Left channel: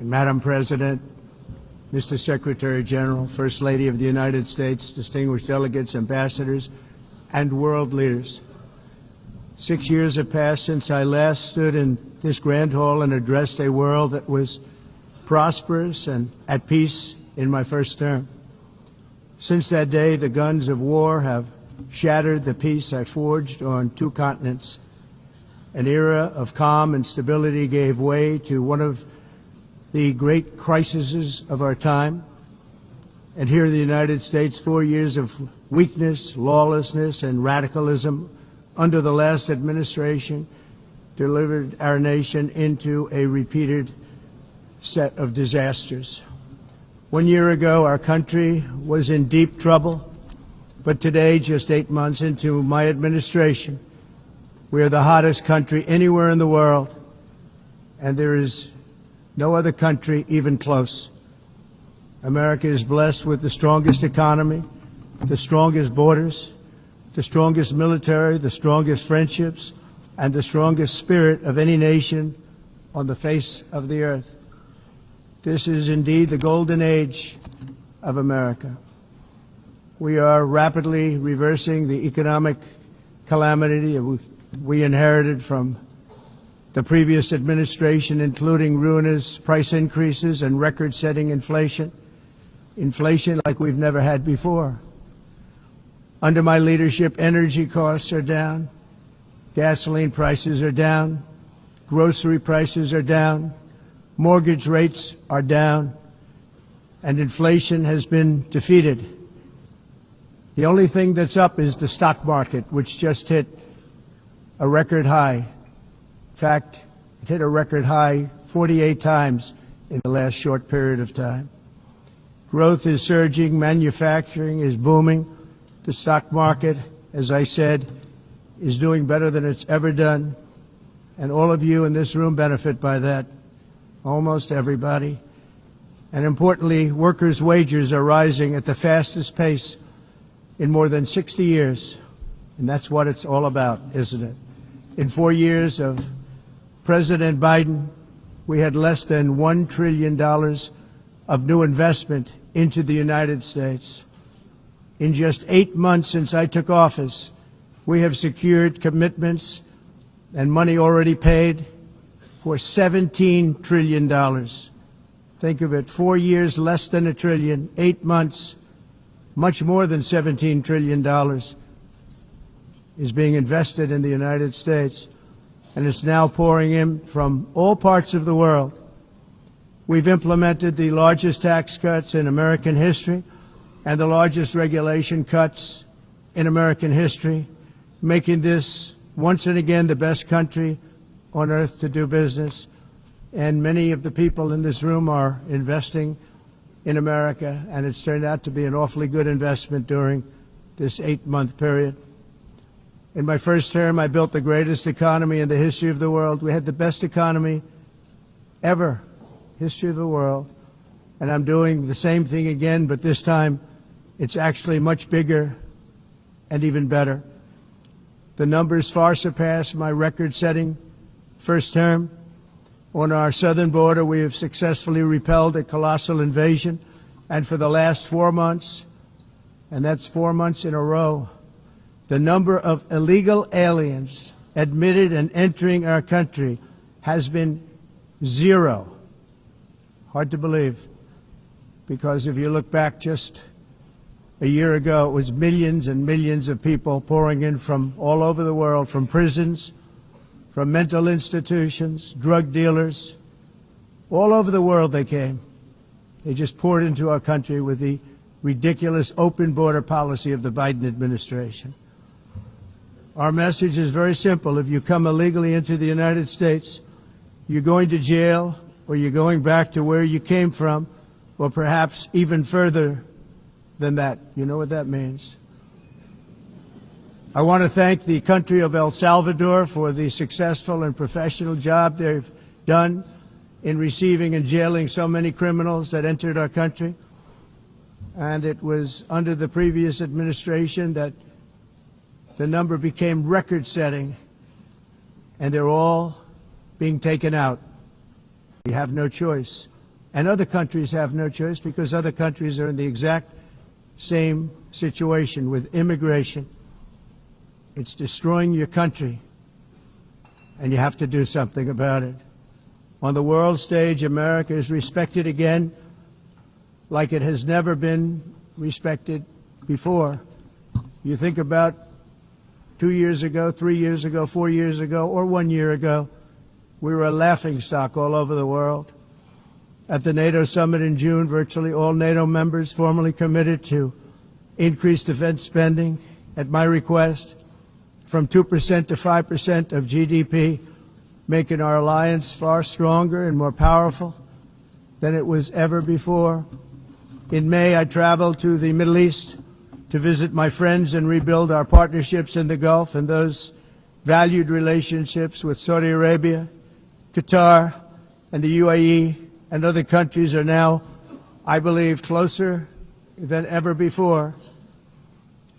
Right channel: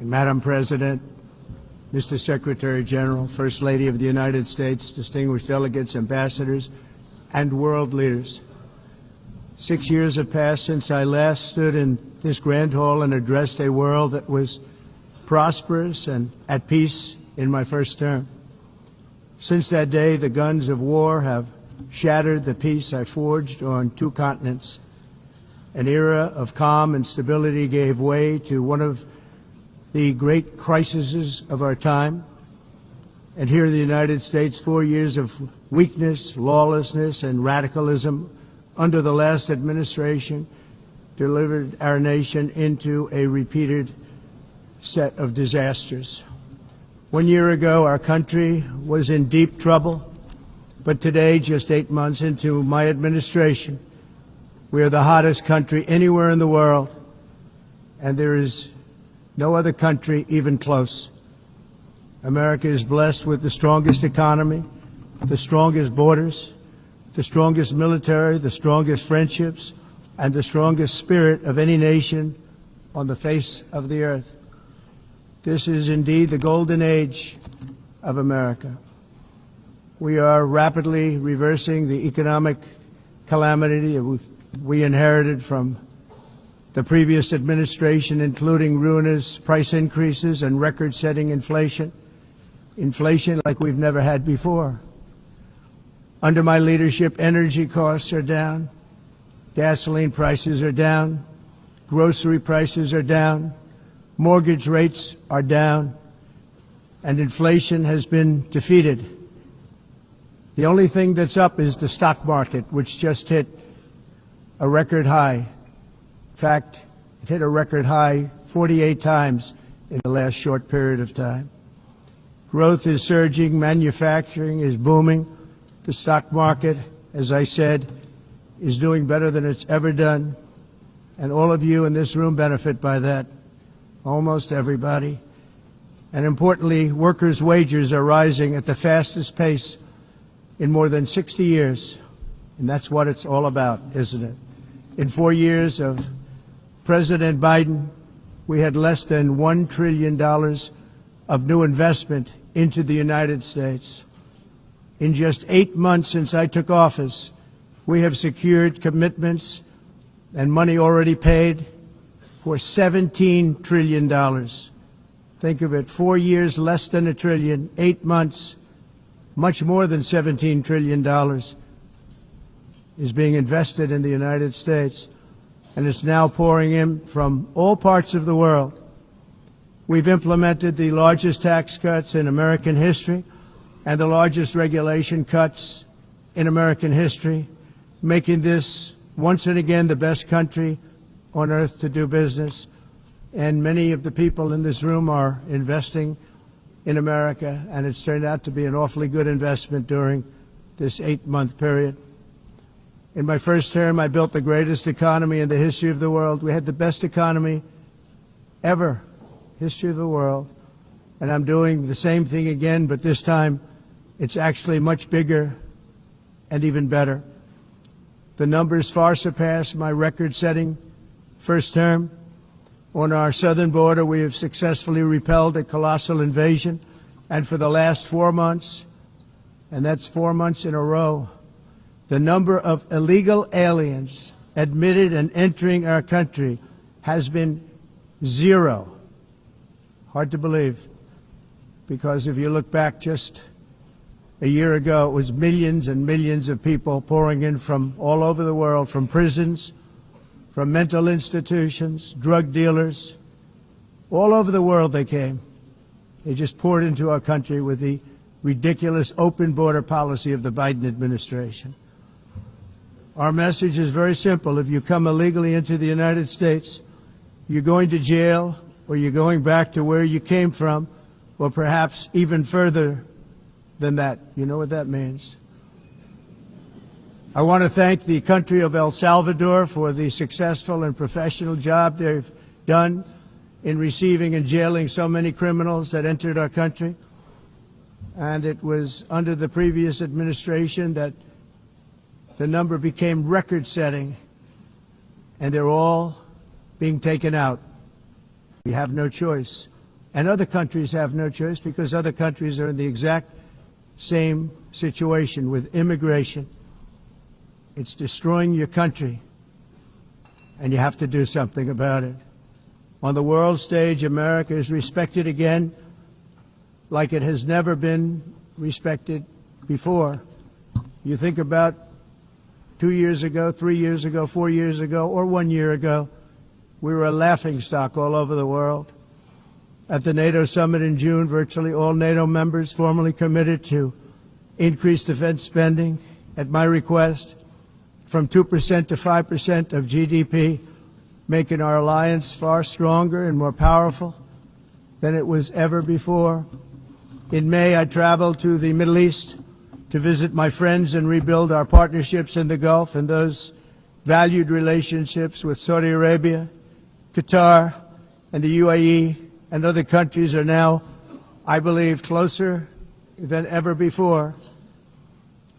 Madam President, Mr. Secretary General, First Lady of the United States, distinguished delegates, ambassadors, and world leaders. 6 years have passed since I last stood in this grand hall and addressed a world that was prosperous and at peace in my first term. Since that day, the guns of war have shattered the peace I forged on 2 continents. An era of calm and stability gave way to one of the great crises of our time. And here in the United States, 4 years of weakness, lawlessness, and radicalism under the last administration delivered our nation into a repeated set of disasters. 1 year ago, our country was in deep trouble, but today, just 8 months into my administration, we are the hottest country anywhere in the world, and there is no other country even close. America is blessed with the strongest economy, the strongest borders, the strongest military, the strongest friendships, and the strongest spirit of any nation on the face of the earth. This is indeed the golden age of America. We are rapidly reversing the economic calamity we inherited from the previous administration, including ruinous price increases and record-setting inflation like we've never had before. Under my leadership, energy costs are down, gasoline prices are down, grocery prices are down, mortgage rates are down, and inflation has been defeated. The only thing that's up is the stock market, which just hit a record high. In fact, it hit a record high 48 times in the last short period of time. Growth is surging, manufacturing is booming. The stock market, as I said, is doing better than it's ever done, and all of you in this room benefit by that, almost everybody. And importantly, workers' wages are rising at the fastest pace in more than 60 years, and that's what it's all about, isn't it? In 4 years of President Biden, we had less than $1 trillion of new investment into the United States. In just 8 months since I took office, we have secured commitments and money already paid for $17 trillion. Think of it, 4 years, less than $1 trillion, 8 months, much more than $17 trillion is being invested in the United States, and it's now pouring in from all parts of the world. We've implemented the largest tax cuts in American history and the largest regulation cuts in American history, making this once and again the best country on earth to do business. And many of the people in this room are investing in America, and it's turned out to be an awfully good investment during this 8-month period. In my first term, I built the greatest economy in the history of the world. We had the best economy ever, history of the world. And I'm doing the same thing again, but this time it's actually much bigger and even better. The numbers far surpass my record-setting first term. On our southern border, we have successfully repelled a colossal invasion, and for the last 4 months, and that's 4 months in a row, the number of illegal aliens admitted and entering our country has been 0. Hard to believe, because if you look back just a year ago, it was millions and millions of people pouring in from all over the world, from prisons, from mental institutions, drug dealers. All over the world they came. They just poured into our country with the ridiculous open border policy of the Biden administration. Our message is very simple. If you come illegally into the United States, you're going to jail, or you're going back to where you came from, or perhaps even further than that. You know what that means. I want to thank the country of El Salvador for the successful and professional job they've done in receiving and jailing so many criminals that entered our country. And it was under the previous administration that the number became record-setting, and they're all being taken out. We have no choice. And other countries have no choice because other countries are in the exact same situation with immigration. It's destroying your country, and you have to do something about it. On the world stage, America is respected again like it has never been respected before. You think about 2 years ago, 3 years ago, 4 years ago, or 1 year ago, we were a laughingstock all over the world. At the NATO summit in June, virtually all NATO members formally committed to increase defense spending at my request from 2% to 5% of GDP, making our alliance far stronger and more powerful than it was ever before. In May, I traveled to the Middle East to visit my friends and rebuild our partnerships in the Gulf and those valued relationships with Saudi Arabia, Qatar, and the UAE, and other countries are now, I believe, closer than ever before.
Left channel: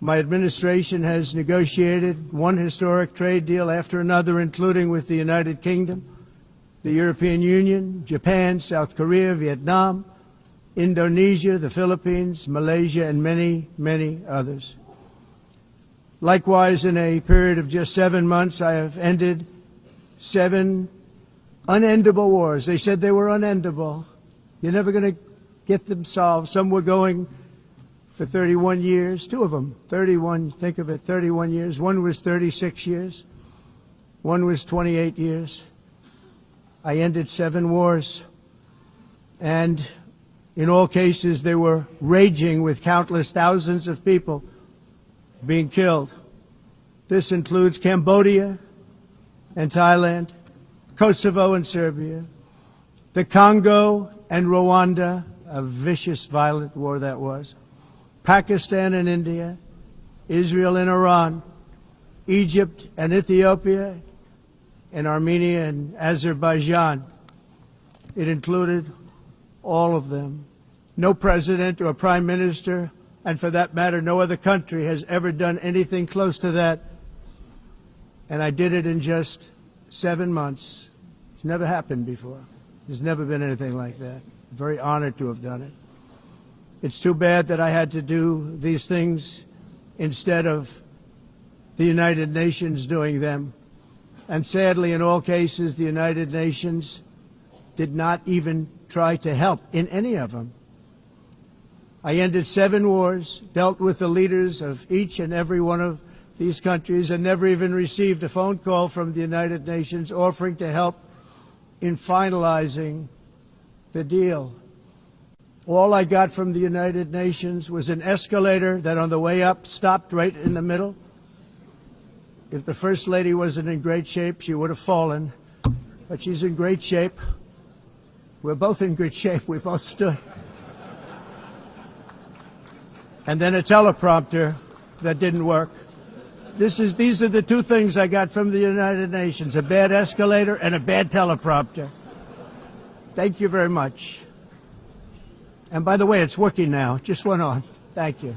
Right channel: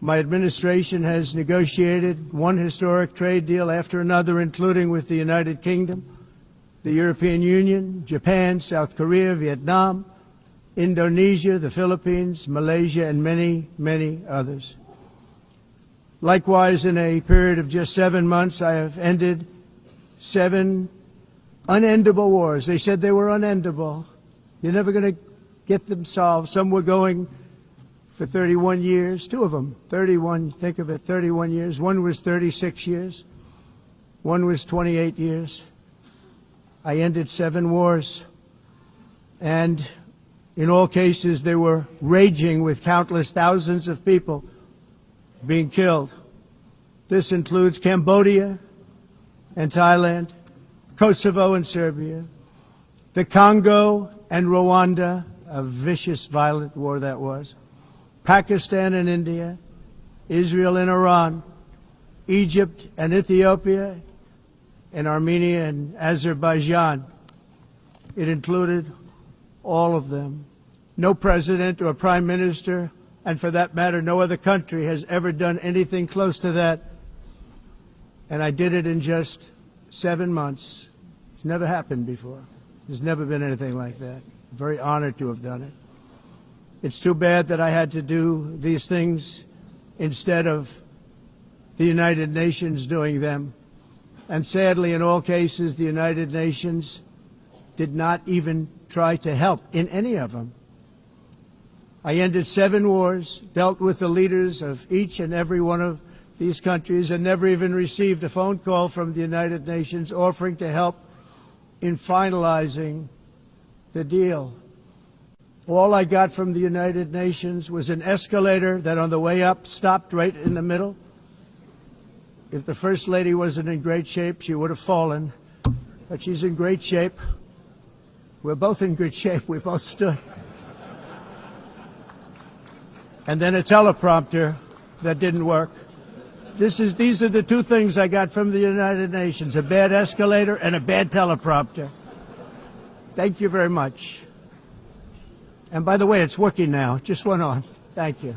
My administration has negotiated one historic trade deal after another, including with the United Kingdom, the European Union, Japan, South Korea, Vietnam, Indonesia, the Philippines, Malaysia, and many, many others. Likewise, in a period of just 7 months, I have ended 7 unendable wars. They said they were unendable. You're never going to get them solved. Some were going for 31 years, 2 of them, 31, think of it, 31 years. One was 36 years. One was 28 years. I ended 7 wars. And in all cases, they were raging with countless thousands of people being killed. This includes Cambodia and Thailand, Kosovo and Serbia, the Congo and Rwanda, a vicious, violent war that was, Pakistan and India, Israel and Iran, Egypt and Ethiopia, and Armenia and Azerbaijan. It included all of them. No president or prime minister, and for that matter, no other country has ever done anything close to that. And I did it in just 7 months. It's never happened before. There's never been anything like that. I'm very honored to have done it. It's too bad that I had to do these things instead of the United Nations doing them. And sadly, in all cases, the United Nations did not even try to help in any of them. I ended 7 wars, dealt with the leaders of each and every one of these countries, and never even received a phone call from the United Nations offering to help in finalizing the deal. All I got from the United Nations was an escalator that on the way up stopped right in the middle. If the First Lady wasn't in great shape, she would have fallen. But she's in great shape. We're both in good shape. We both stood. And then a teleprompter that didn't work. These are the 2 things I got from the United Nations, a bad escalator and a bad teleprompter. Thank you very much. And by the way, it's working now. It just went on. Thank you.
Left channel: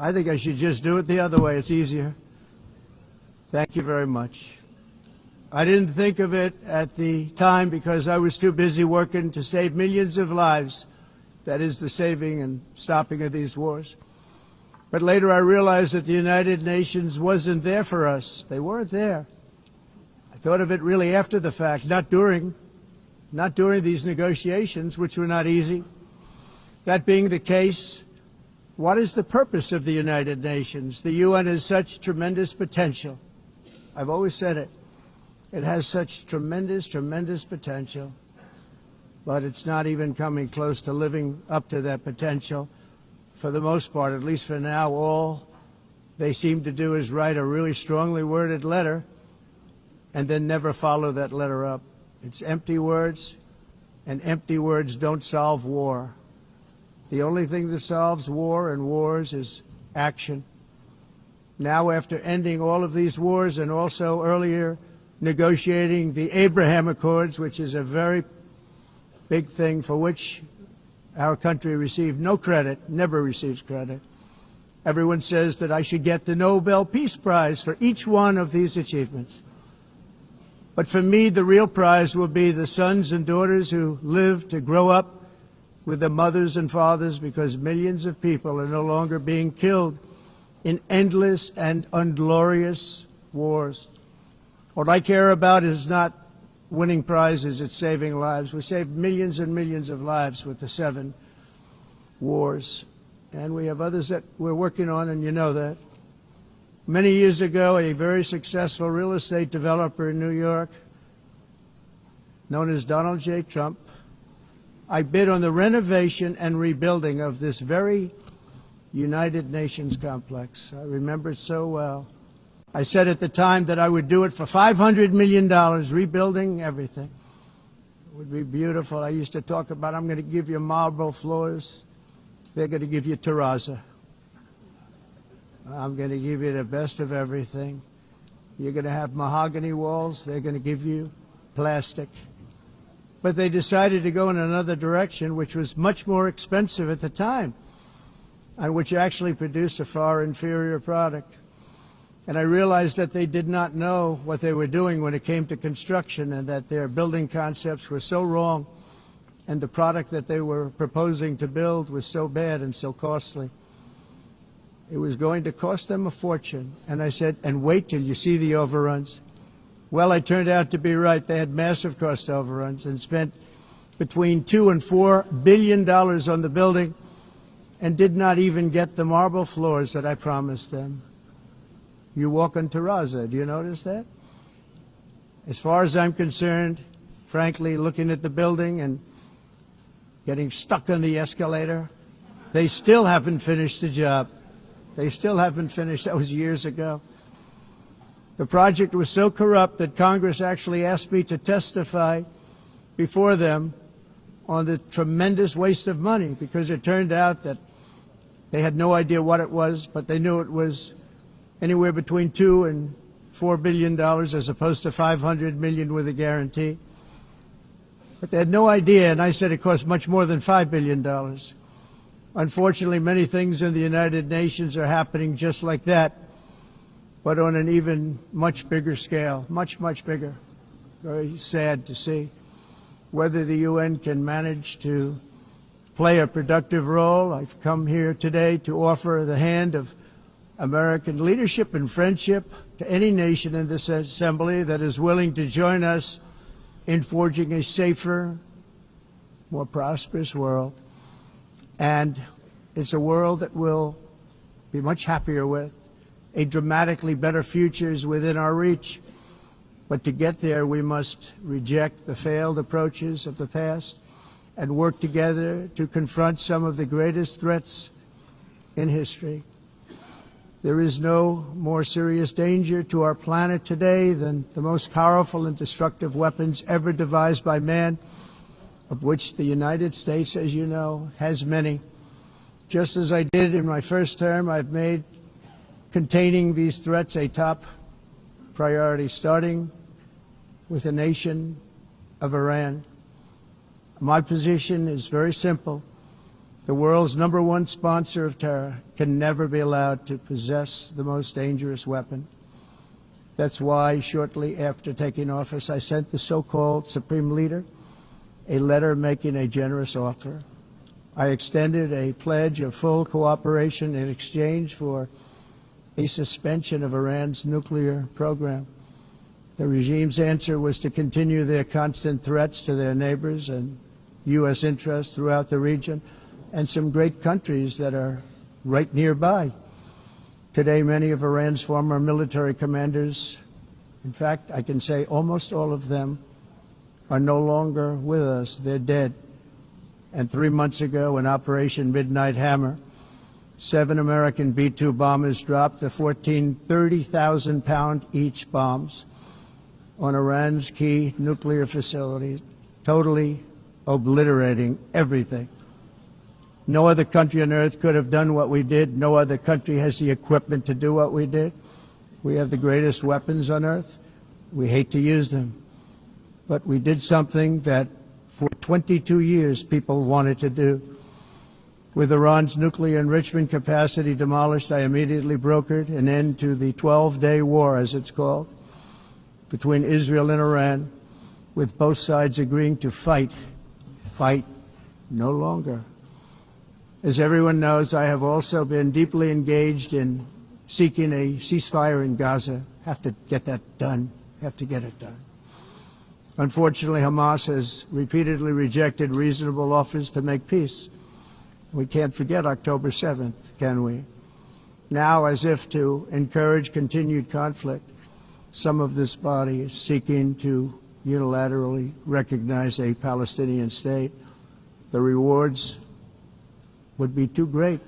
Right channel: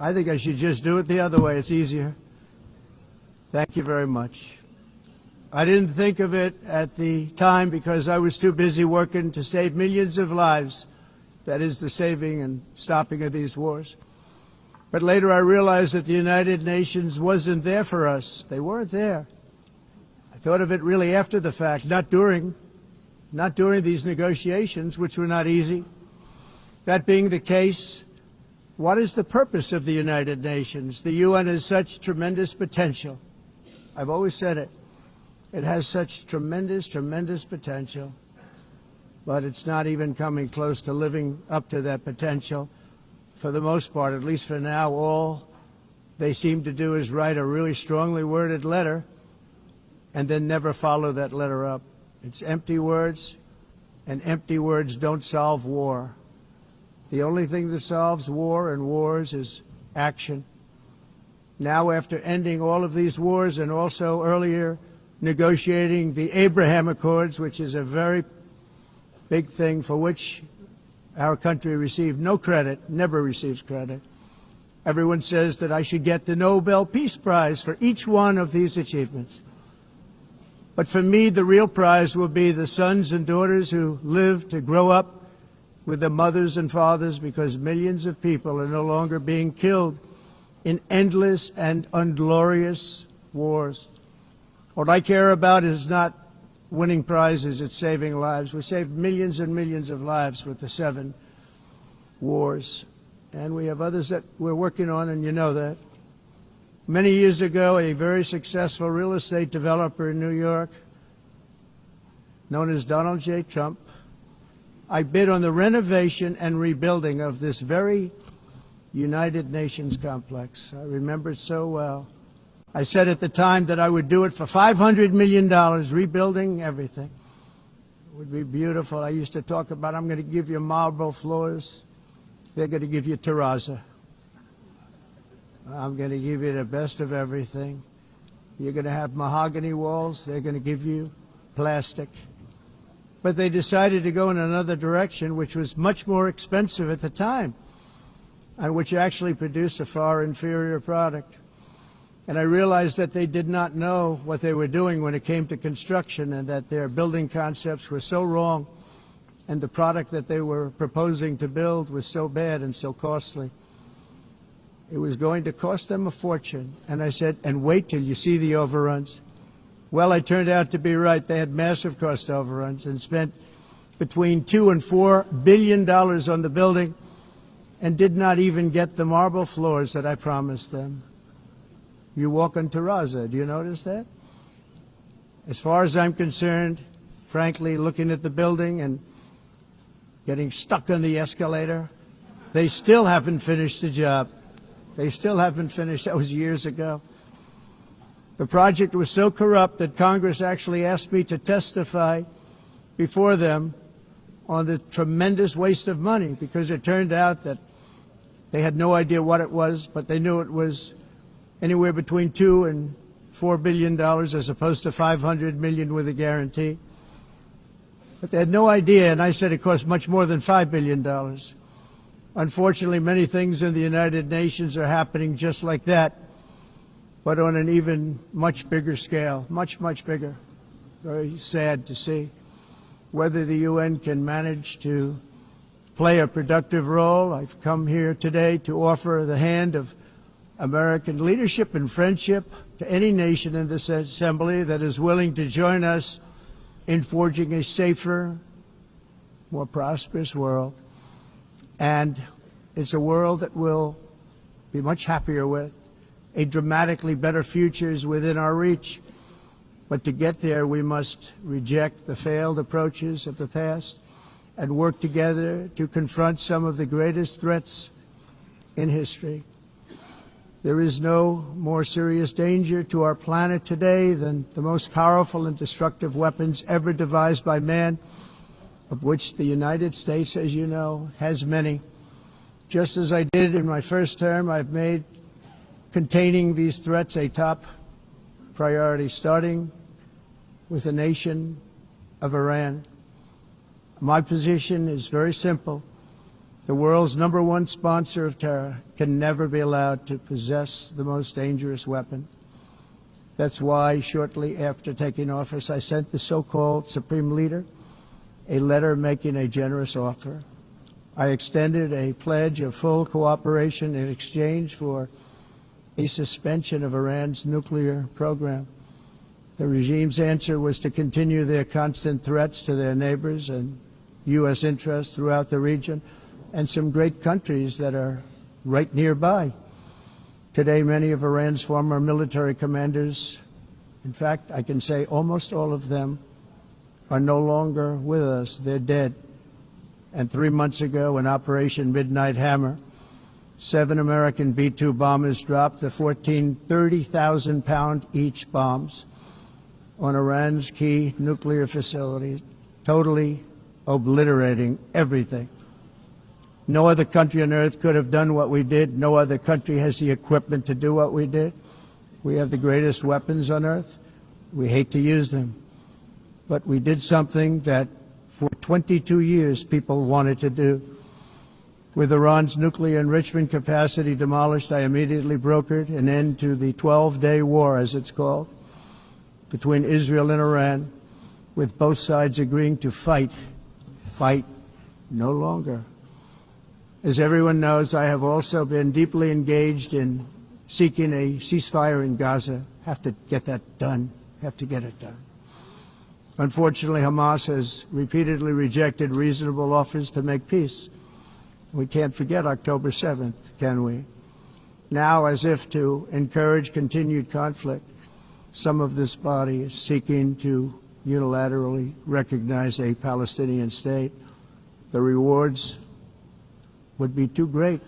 I think I should just do it the other way. It's easier. Thank you very much. I didn't think of it at the time because I was too busy working to save millions of lives. That is the saving and stopping of these wars. But later I realized that the United Nations wasn't there for us. They weren't there. I thought of it really after the fact, not during these negotiations, which were not easy. That being the case, what is the purpose of the United Nations? The UN has such tremendous potential. I've always said it. It has such tremendous, tremendous potential, but it's not even coming close to living up to that potential. For the most part, at least for now, all they seem to do is write a really strongly worded letter and then never follow that letter up. It's empty words, and empty words don't solve war. The only thing that solves war and wars is action. Now, after ending all of these wars and also earlier negotiating the Abraham Accords, which is a very big thing for which our country received no credit, never receives credit. Everyone says that I should get the Nobel Peace Prize for each one of these achievements. But for me, the real prize will be the sons and daughters who live to grow up with the mothers and fathers, because millions of people are no longer being killed in endless and unglorious wars. What I care about is not winning prizes, it's saving lives. We saved millions and millions of lives with the 7 wars. And we have others that we're working on, and you know that. Many years ago, a very successful real estate developer in New York, known as Donald J. Trump, I bid on the renovation and rebuilding of this very United Nations complex. I remember it so well. I said at the time that I would do it for $500 million, rebuilding everything. It would be beautiful. I used to talk about, I'm going to give you marble floors. They're going to give you terrazzo. I'm going to give you the best of everything. You're going to have mahogany walls. They're going to give you plastic. But they decided to go in another direction, which was much more expensive at the time, and which actually produced a far inferior product. And I realized that they did not know what they were doing when it came to construction, and that their building concepts were so wrong, and the product that they were proposing to build was so bad and so costly. It was going to cost them a fortune. And I said, and wait till you see the overruns. Well, I turned out to be right. They had massive cost overruns and spent between $2 and $4 billion on the building and did not even get the marble floors that I promised them. You walk on terrazzo. Do you notice that? As far as I'm concerned, frankly, looking at the building and getting stuck on the escalator, they still haven't finished the job. They still haven't finished. That was years ago. The project was so corrupt that Congress actually asked me to testify before them on the tremendous waste of money, because it turned out that they had no idea what it was, but they knew it was anywhere between $2 and $4 billion as opposed to $500 million with a guarantee. But they had no idea, and I said it cost much more than $5 billion. Unfortunately, many things in the United Nations are happening just like that, but on an even much bigger scale, much, much bigger. Very sad to see whether the UN can manage to play a productive role. I've come here today to offer the hand of American leadership and friendship to any nation in this assembly that is willing to join us in forging a safer, more prosperous world. And it's a world that we'll be much happier with. A dramatically better future is within our reach. But to get there, we must reject the failed approaches of the past and work together to confront some of the greatest threats in history. There is no more serious danger to our planet today than the most powerful and destructive weapons ever devised by man, of which the United States, as you know, has many. Just as I did in my first term, I've made containing these threats a top priority, starting with the nation of Iran. My position is very simple. The world's #1 sponsor of terror can never be allowed to possess the most dangerous weapon. That's why shortly after taking office, I sent the so-called Supreme Leader a letter making a generous offer. I extended a pledge of full cooperation in exchange for a suspension of Iran's nuclear program. The regime's answer was to continue their constant threats to their neighbors and U.S. interests throughout the region and some great countries that are right nearby. Today, many of Iran's former military commanders, in fact, I can say almost all of them, are no longer with us. They're dead. And 3 months ago, in Operation Midnight Hammer, 7 American B-2 bombers dropped the 14 30,000-pound each bombs on Iran's key nuclear facilities, totally obliterating everything. No other country on earth could have done what we did. No other country has the equipment to do what we did. We have the greatest weapons on earth. We hate to use them. But we did something that for 22 years people wanted to do. With Iran's nuclear enrichment capacity demolished, I immediately brokered an end to the 12-day war, as it's called. between Israel and Iran, with both sides agreeing to fight no longer. As everyone knows, I have also been deeply engaged in seeking a ceasefire in Gaza. Have to get that done. Have to get it done. Unfortunately, Hamas has repeatedly rejected reasonable offers to make peace. We can't forget October 7th, can we? Now, as if to encourage continued conflict, some of this body is seeking to unilaterally recognize a Palestinian state. The rewards would be too great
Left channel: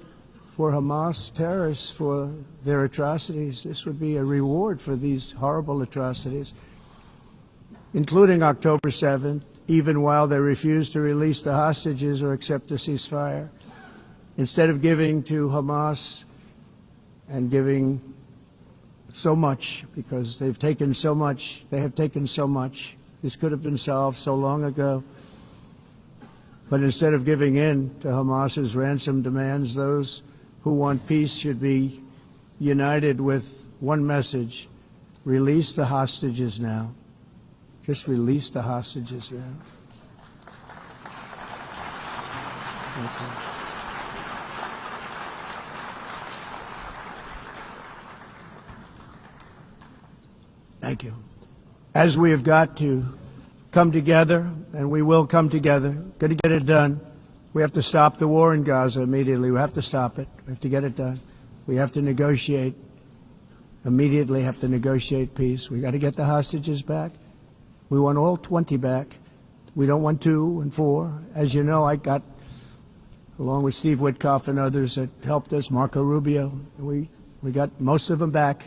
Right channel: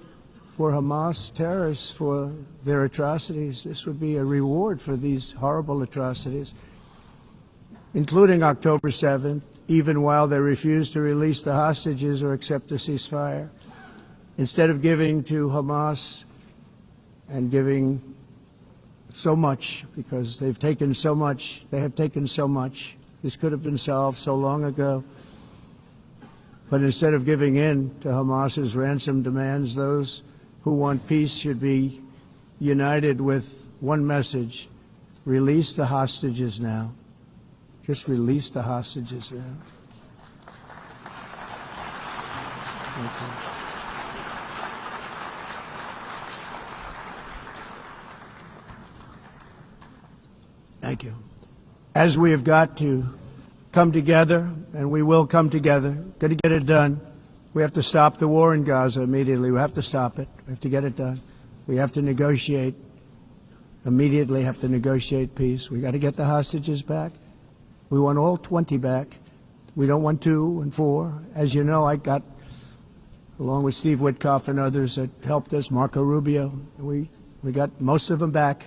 for Hamas terrorists for their atrocities. This would be a reward for these horrible atrocities, including October 7th, even while they refuse to release the hostages or accept a ceasefire. Instead of giving to Hamas and giving so much, because they've taken so much, they have taken so much. This could have been solved so long ago. But instead of giving in to Hamas's ransom demands, those who want peace should be united with one message: release the hostages now. Just release the hostages now. Thank you. Thank you. As we've got to come together, and we will come together, got to get it done. We have to stop the war in Gaza immediately. We have to stop it. We have to get it done. We have to negotiate, immediately have to negotiate peace. We got to get the hostages back. We want all 20 back. We don't want 2 and 4. As you know, I got, along with Steve Witkoff and others that helped us, Marco Rubio, we got most of them back.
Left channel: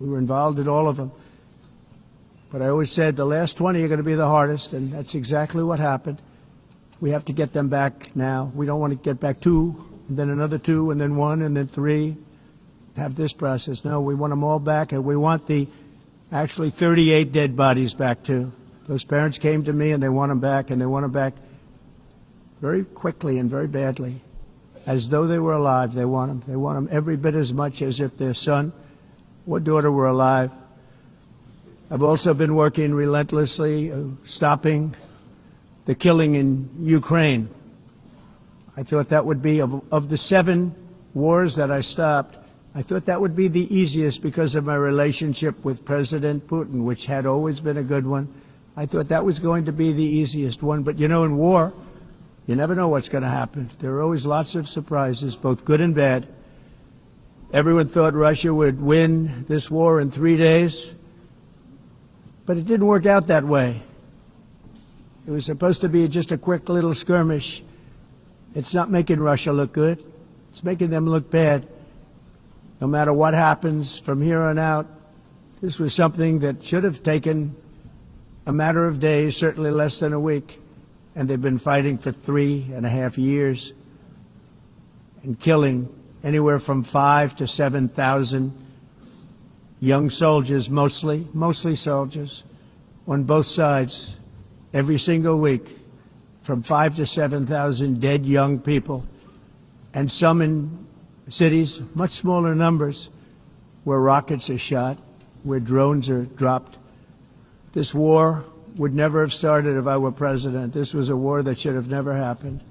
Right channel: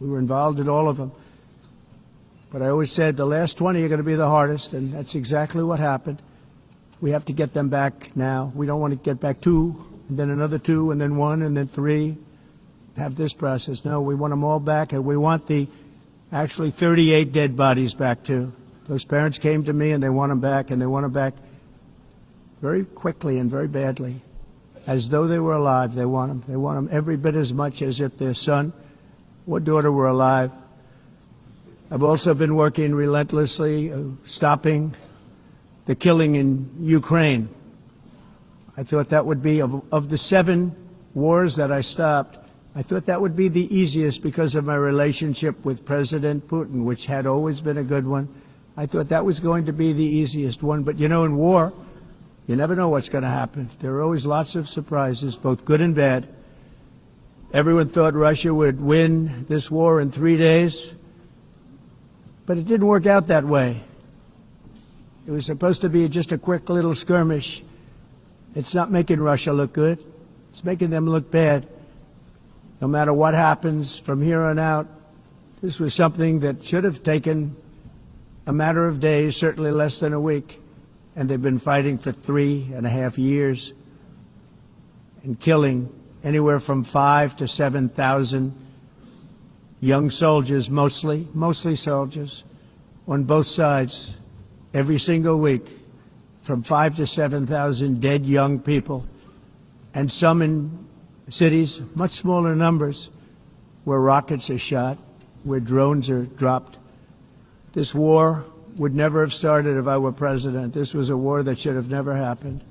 We were involved in all of them. But I always said the last 20 are going to be the hardest, and that's exactly what happened. We have to get them back now. We don't want to get back 2, and then another 2, and then 1, and then 3. Have this process. No, we want them all back, and we want the actually 38 dead bodies back too. Those parents came to me, and they want them back, and they want them back very quickly and very badly. As though they were alive, they want them. They want them every bit as much as if their son or daughter were alive. I've also been working relentlessly, stopping the killing in Ukraine. I thought that would be, of the 7 wars that I stopped, I thought that would be the easiest because of my relationship with President Putin, which had always been a good one. I thought that was going to be the easiest one. But, you know, in war, you never know what's going to happen. There are always lots of surprises, both good and bad. Everyone thought Russia would win this war in 3 days, but it didn't work out that way. It was supposed to be just a quick little skirmish. It's not making Russia look good. It's making them look bad. No matter what happens from here on out, this was something that should have taken a matter of days, certainly less than a week. And they've been fighting for 3.5 years and killing anywhere from 5,000 to 7,000 young soldiers, mostly soldiers, on both sides, every single week, from 5,000 to 7,000 dead young people, and some in cities, much smaller numbers, where rockets are shot, where drones are dropped. This war would never have started if I were president. This was a war that should have never happened.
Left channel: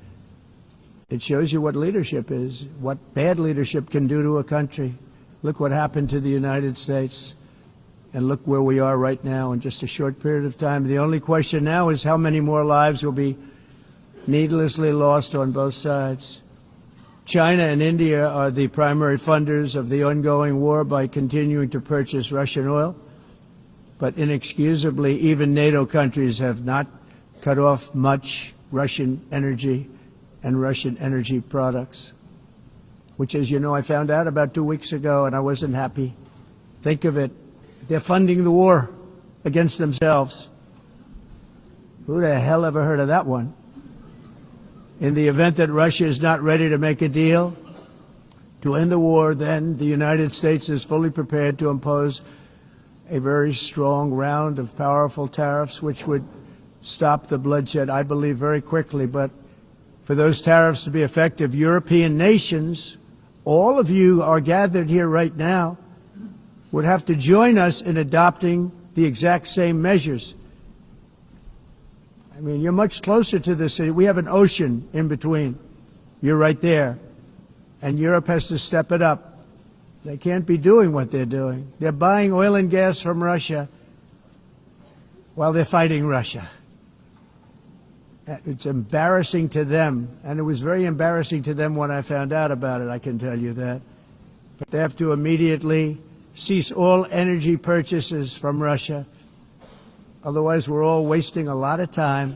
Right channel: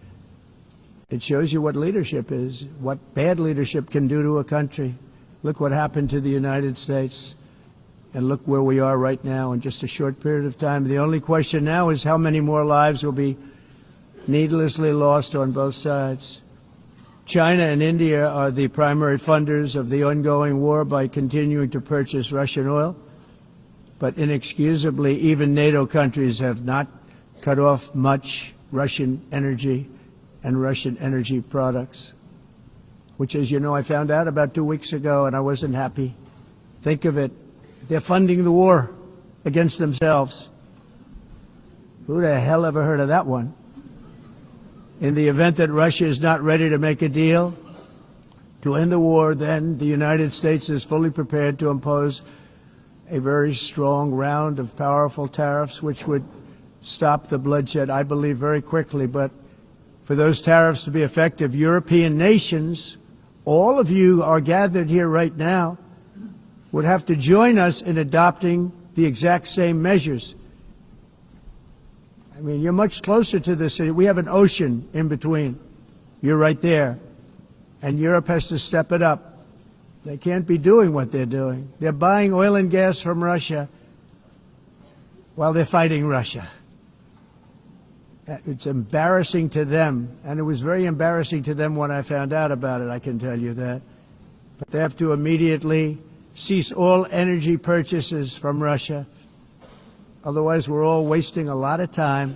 It shows you what leadership is, what bad leadership can do to a country. Look what happened to the United States, and look where we are right now in just a short period of time. The only question now is how many more lives will be needlessly lost on both sides. China and India are the primary funders of the ongoing war by continuing to purchase Russian oil. But inexcusably, even NATO countries have not cut off much Russian energy and Russian energy products, which, as you know, I found out about 2 weeks ago, and I wasn't happy. Think of it. They're funding the war against themselves. Who the hell ever heard of that one? In the event that Russia is not ready to make a deal to end the war, then the United States is fully prepared to impose a very strong round of powerful tariffs, which would stop the bloodshed, I believe, very quickly. But for those tariffs to be effective, European nations, all of you are gathered here right now, would have to join us in adopting the exact same measures. I mean, you're much closer to the sea. We have an ocean in between. You're right there. And Europe has to step it up. They can't be doing what they're doing. They're buying oil and gas from Russia while they're fighting Russia. It's embarrassing to them, and it was very embarrassing to them when I found out about it, I can tell you that. But they have to immediately cease all energy purchases from Russia. Otherwise, we're all wasting a lot of time.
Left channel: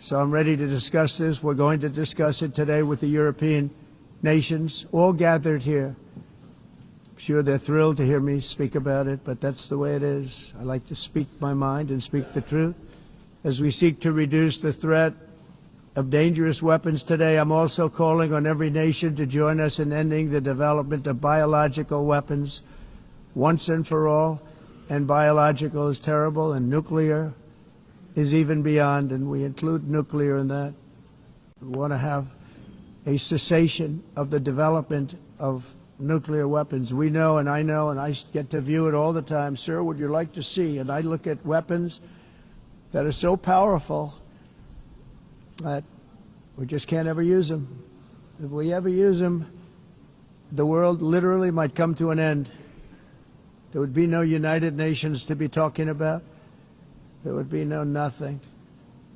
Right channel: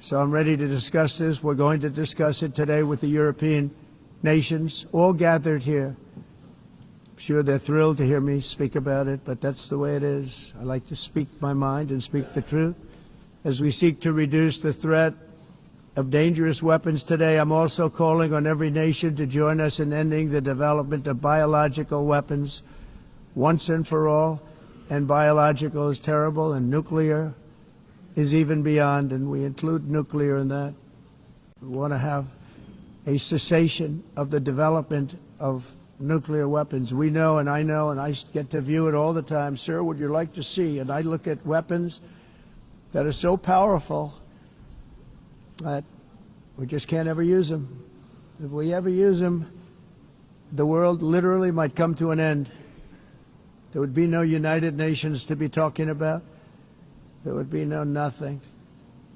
So I'm ready to discuss this. We're going to discuss it today with the European nations, all gathered here. I'm sure they're thrilled to hear me speak about it, but that's the way it is. I like to speak my mind and speak the truth. As we seek to reduce the threat of dangerous weapons today, I'm also calling on every nation to join us in ending the development of biological weapons once and for all. And biological is terrible, and nuclear is even beyond, and we include nuclear in that. We want to have a cessation of the development of nuclear weapons. We know, and I get to view it all the time. Sir, would you like to see? And I look at weapons that are so powerful that we just can't ever use them. If we ever use them, the world literally might come to an end. There would be no United Nations to be talking about. There would be no nothing.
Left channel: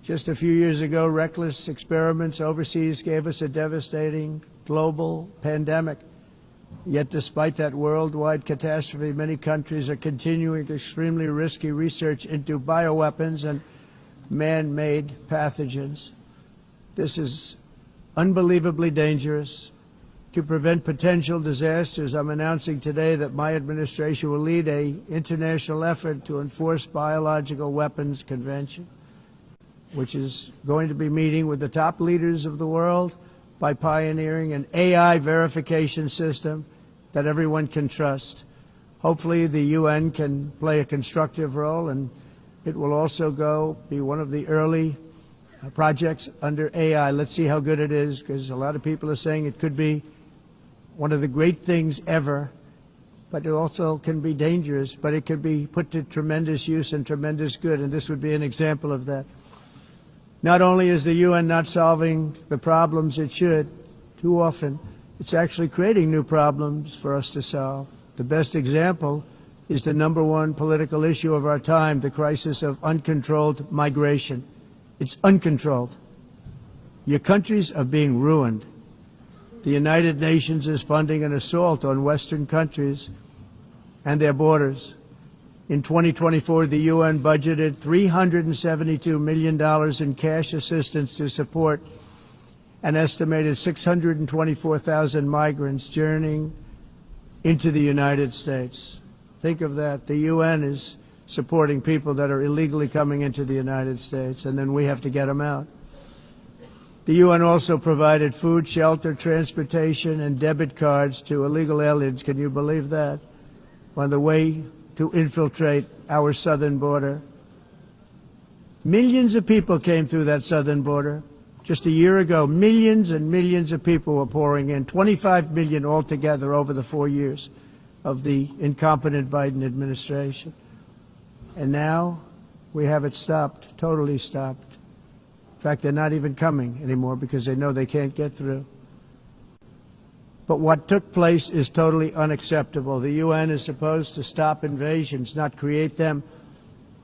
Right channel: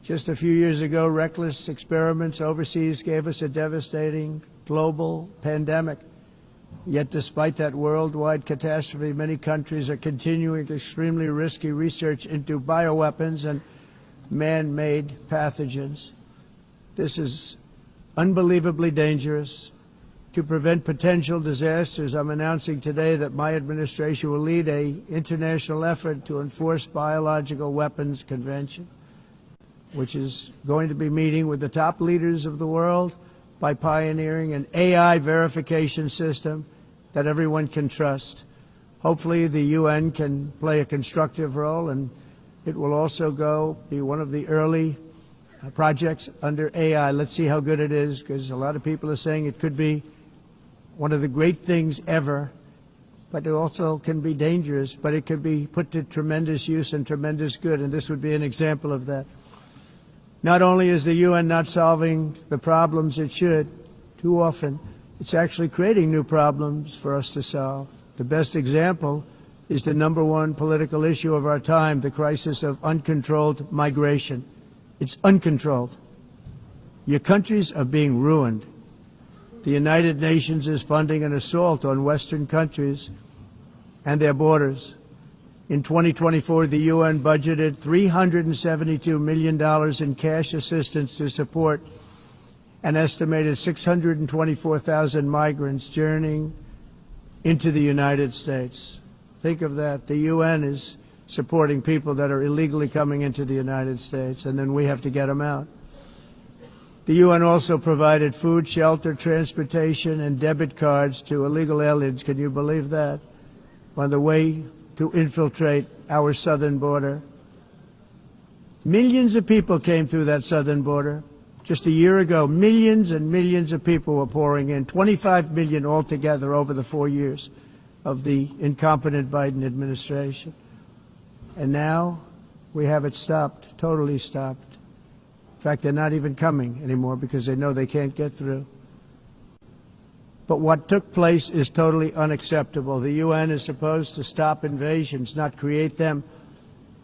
Just a few years ago, reckless experiments overseas gave us a devastating global pandemic. Yet despite that worldwide catastrophe, many countries are continuing extremely risky research into bioweapons and man-made pathogens. This is unbelievably dangerous. To prevent potential disasters, I'm announcing today that my administration will lead an international effort to enforce biological weapons convention, which is going to be meeting with the top leaders of the world by pioneering an AI verification system that everyone can trust. Hopefully the UN can play a constructive role, and it will also be one of the early projects under AI. Let's see how good it is, because a lot of people are saying it could be one of the great things ever, but it also can be dangerous, but it can be put to tremendous use and tremendous good, and this would be an example of that. Not only is the UN not solving the problems it should, too often, it's actually creating new problems for us to solve. The best example is the number one political issue of our time, the crisis of uncontrolled migration. It's uncontrolled. Your countries are being ruined. The United Nations is funding an assault on Western countries and their borders. In 2024, the UN budgeted $372 million in cash assistance to support an estimated 624,000 migrants journeying into the United States. Think of that. The UN is supporting people that are illegally coming into the United States, and then we have to get them out. The UN also provided food, shelter, transportation, and debit cards to illegal aliens. Can you believe that? On the way to infiltrate our southern border. Millions of people came through that southern border. Just a year ago, millions and millions of people were pouring in, 25 million altogether over the 4 years of the incompetent Biden administration. And now we have it stopped, totally stopped. In fact, they're not even coming anymore because they know they can't get through. But what took place is totally unacceptable. The UN is supposed to stop invasions, not create them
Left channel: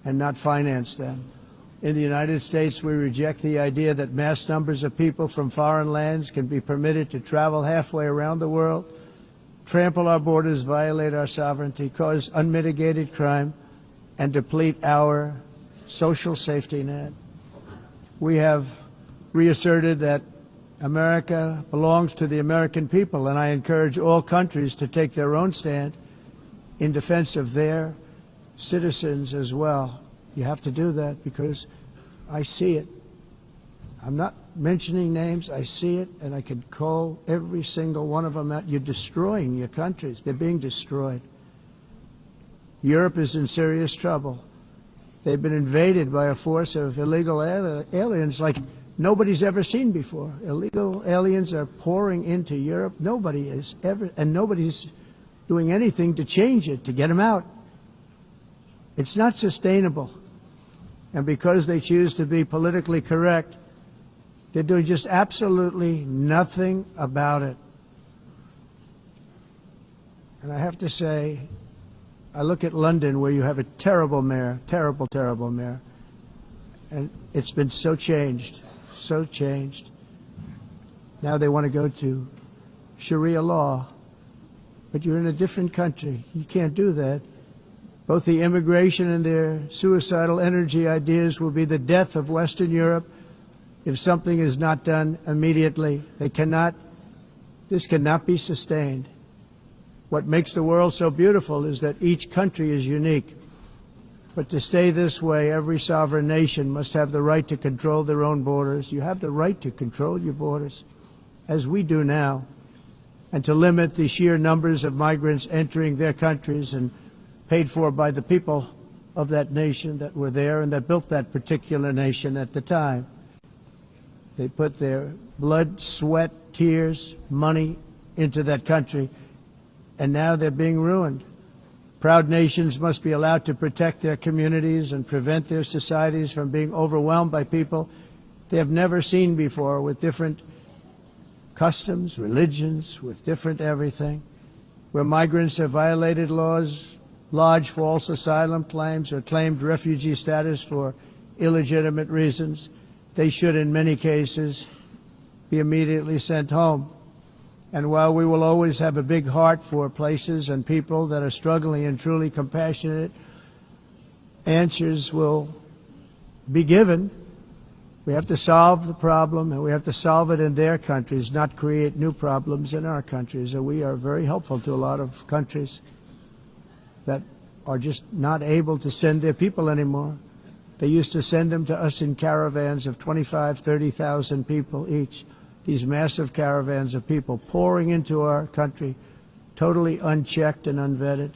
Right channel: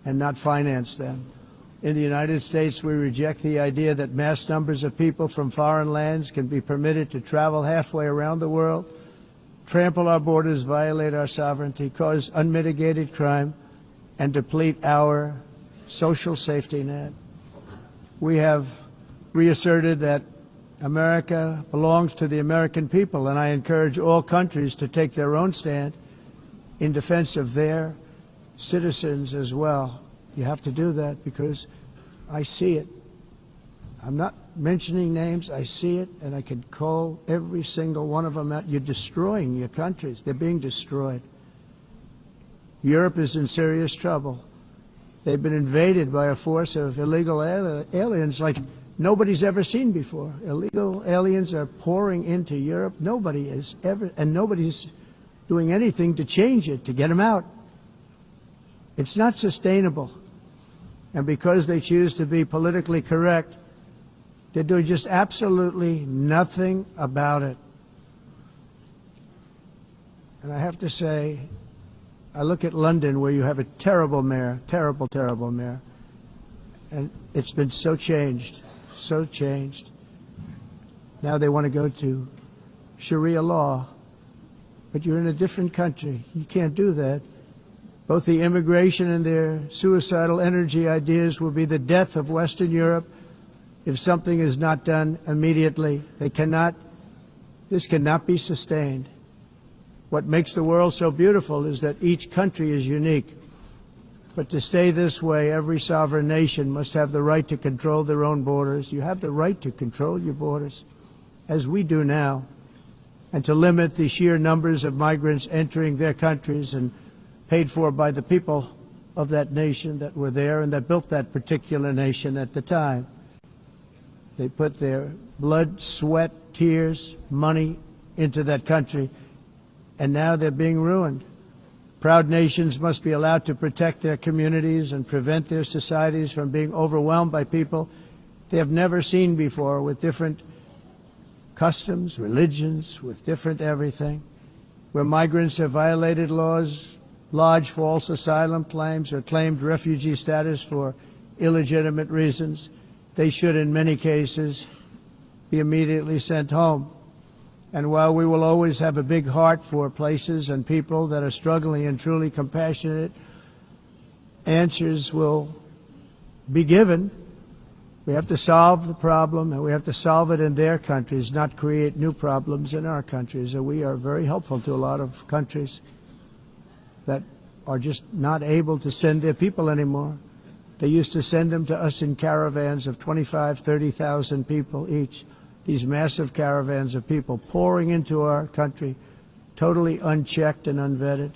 and not finance them. In the United States, we reject the idea that mass numbers of people from foreign lands can be permitted to travel halfway around the world, trample our borders, violate our sovereignty, cause unmitigated crime, and deplete our social safety net. We have reasserted that America belongs to the American people, and I encourage all countries to take their own stand in defense of their citizens as well. You have to do that because I see it. I'm not mentioning names. I see it, and I can call every single one of them out. You're destroying your countries. They're being destroyed. Europe is in serious trouble. They've been invaded by a force of illegal aliens like nobody's ever seen before. Illegal aliens are pouring into Europe. Nobody is ever, and nobody's doing anything to change it, to get them out. It's not sustainable. And because they choose to be politically correct, they're doing just absolutely nothing about it. And I have to say, I look at London, where you have a terrible mayor, terrible, terrible mayor, and it's been so changed, so changed. Now they want to go to Sharia law, but you're in a different country. You can't do that. Both the immigration and their suicidal energy ideas will be the death of Western Europe if something is not done immediately. This cannot be sustained. What makes the world so beautiful is that each country is unique. But to stay this way, every sovereign nation must have the right to control their own borders. You have the right to control your borders, as we do now, and to limit the sheer numbers of migrants entering their countries and paid for by the people of that nation that were there and that built that particular nation at the time. They put their blood, sweat, tears, money into that country, and now they're being ruined. Proud nations must be allowed to protect their communities and prevent their societies from being overwhelmed by people they have never seen before, with different customs, religions, with different everything. Where migrants have violated laws, lodged false asylum claims, or claimed refugee status for illegitimate reasons, they should, in many cases, be immediately sent home. And while we will always have a big heart for places and people that are struggling and truly compassionate, answers will be given. We have to solve the problem, and we have to solve it in their countries, not create new problems in our countries. And we are very helpful to a lot of countries that are just not able to send their people anymore. They used to send them to us in caravans of 25,000, 30,000 people each. These massive caravans of people pouring into our country, totally unchecked and unvetted.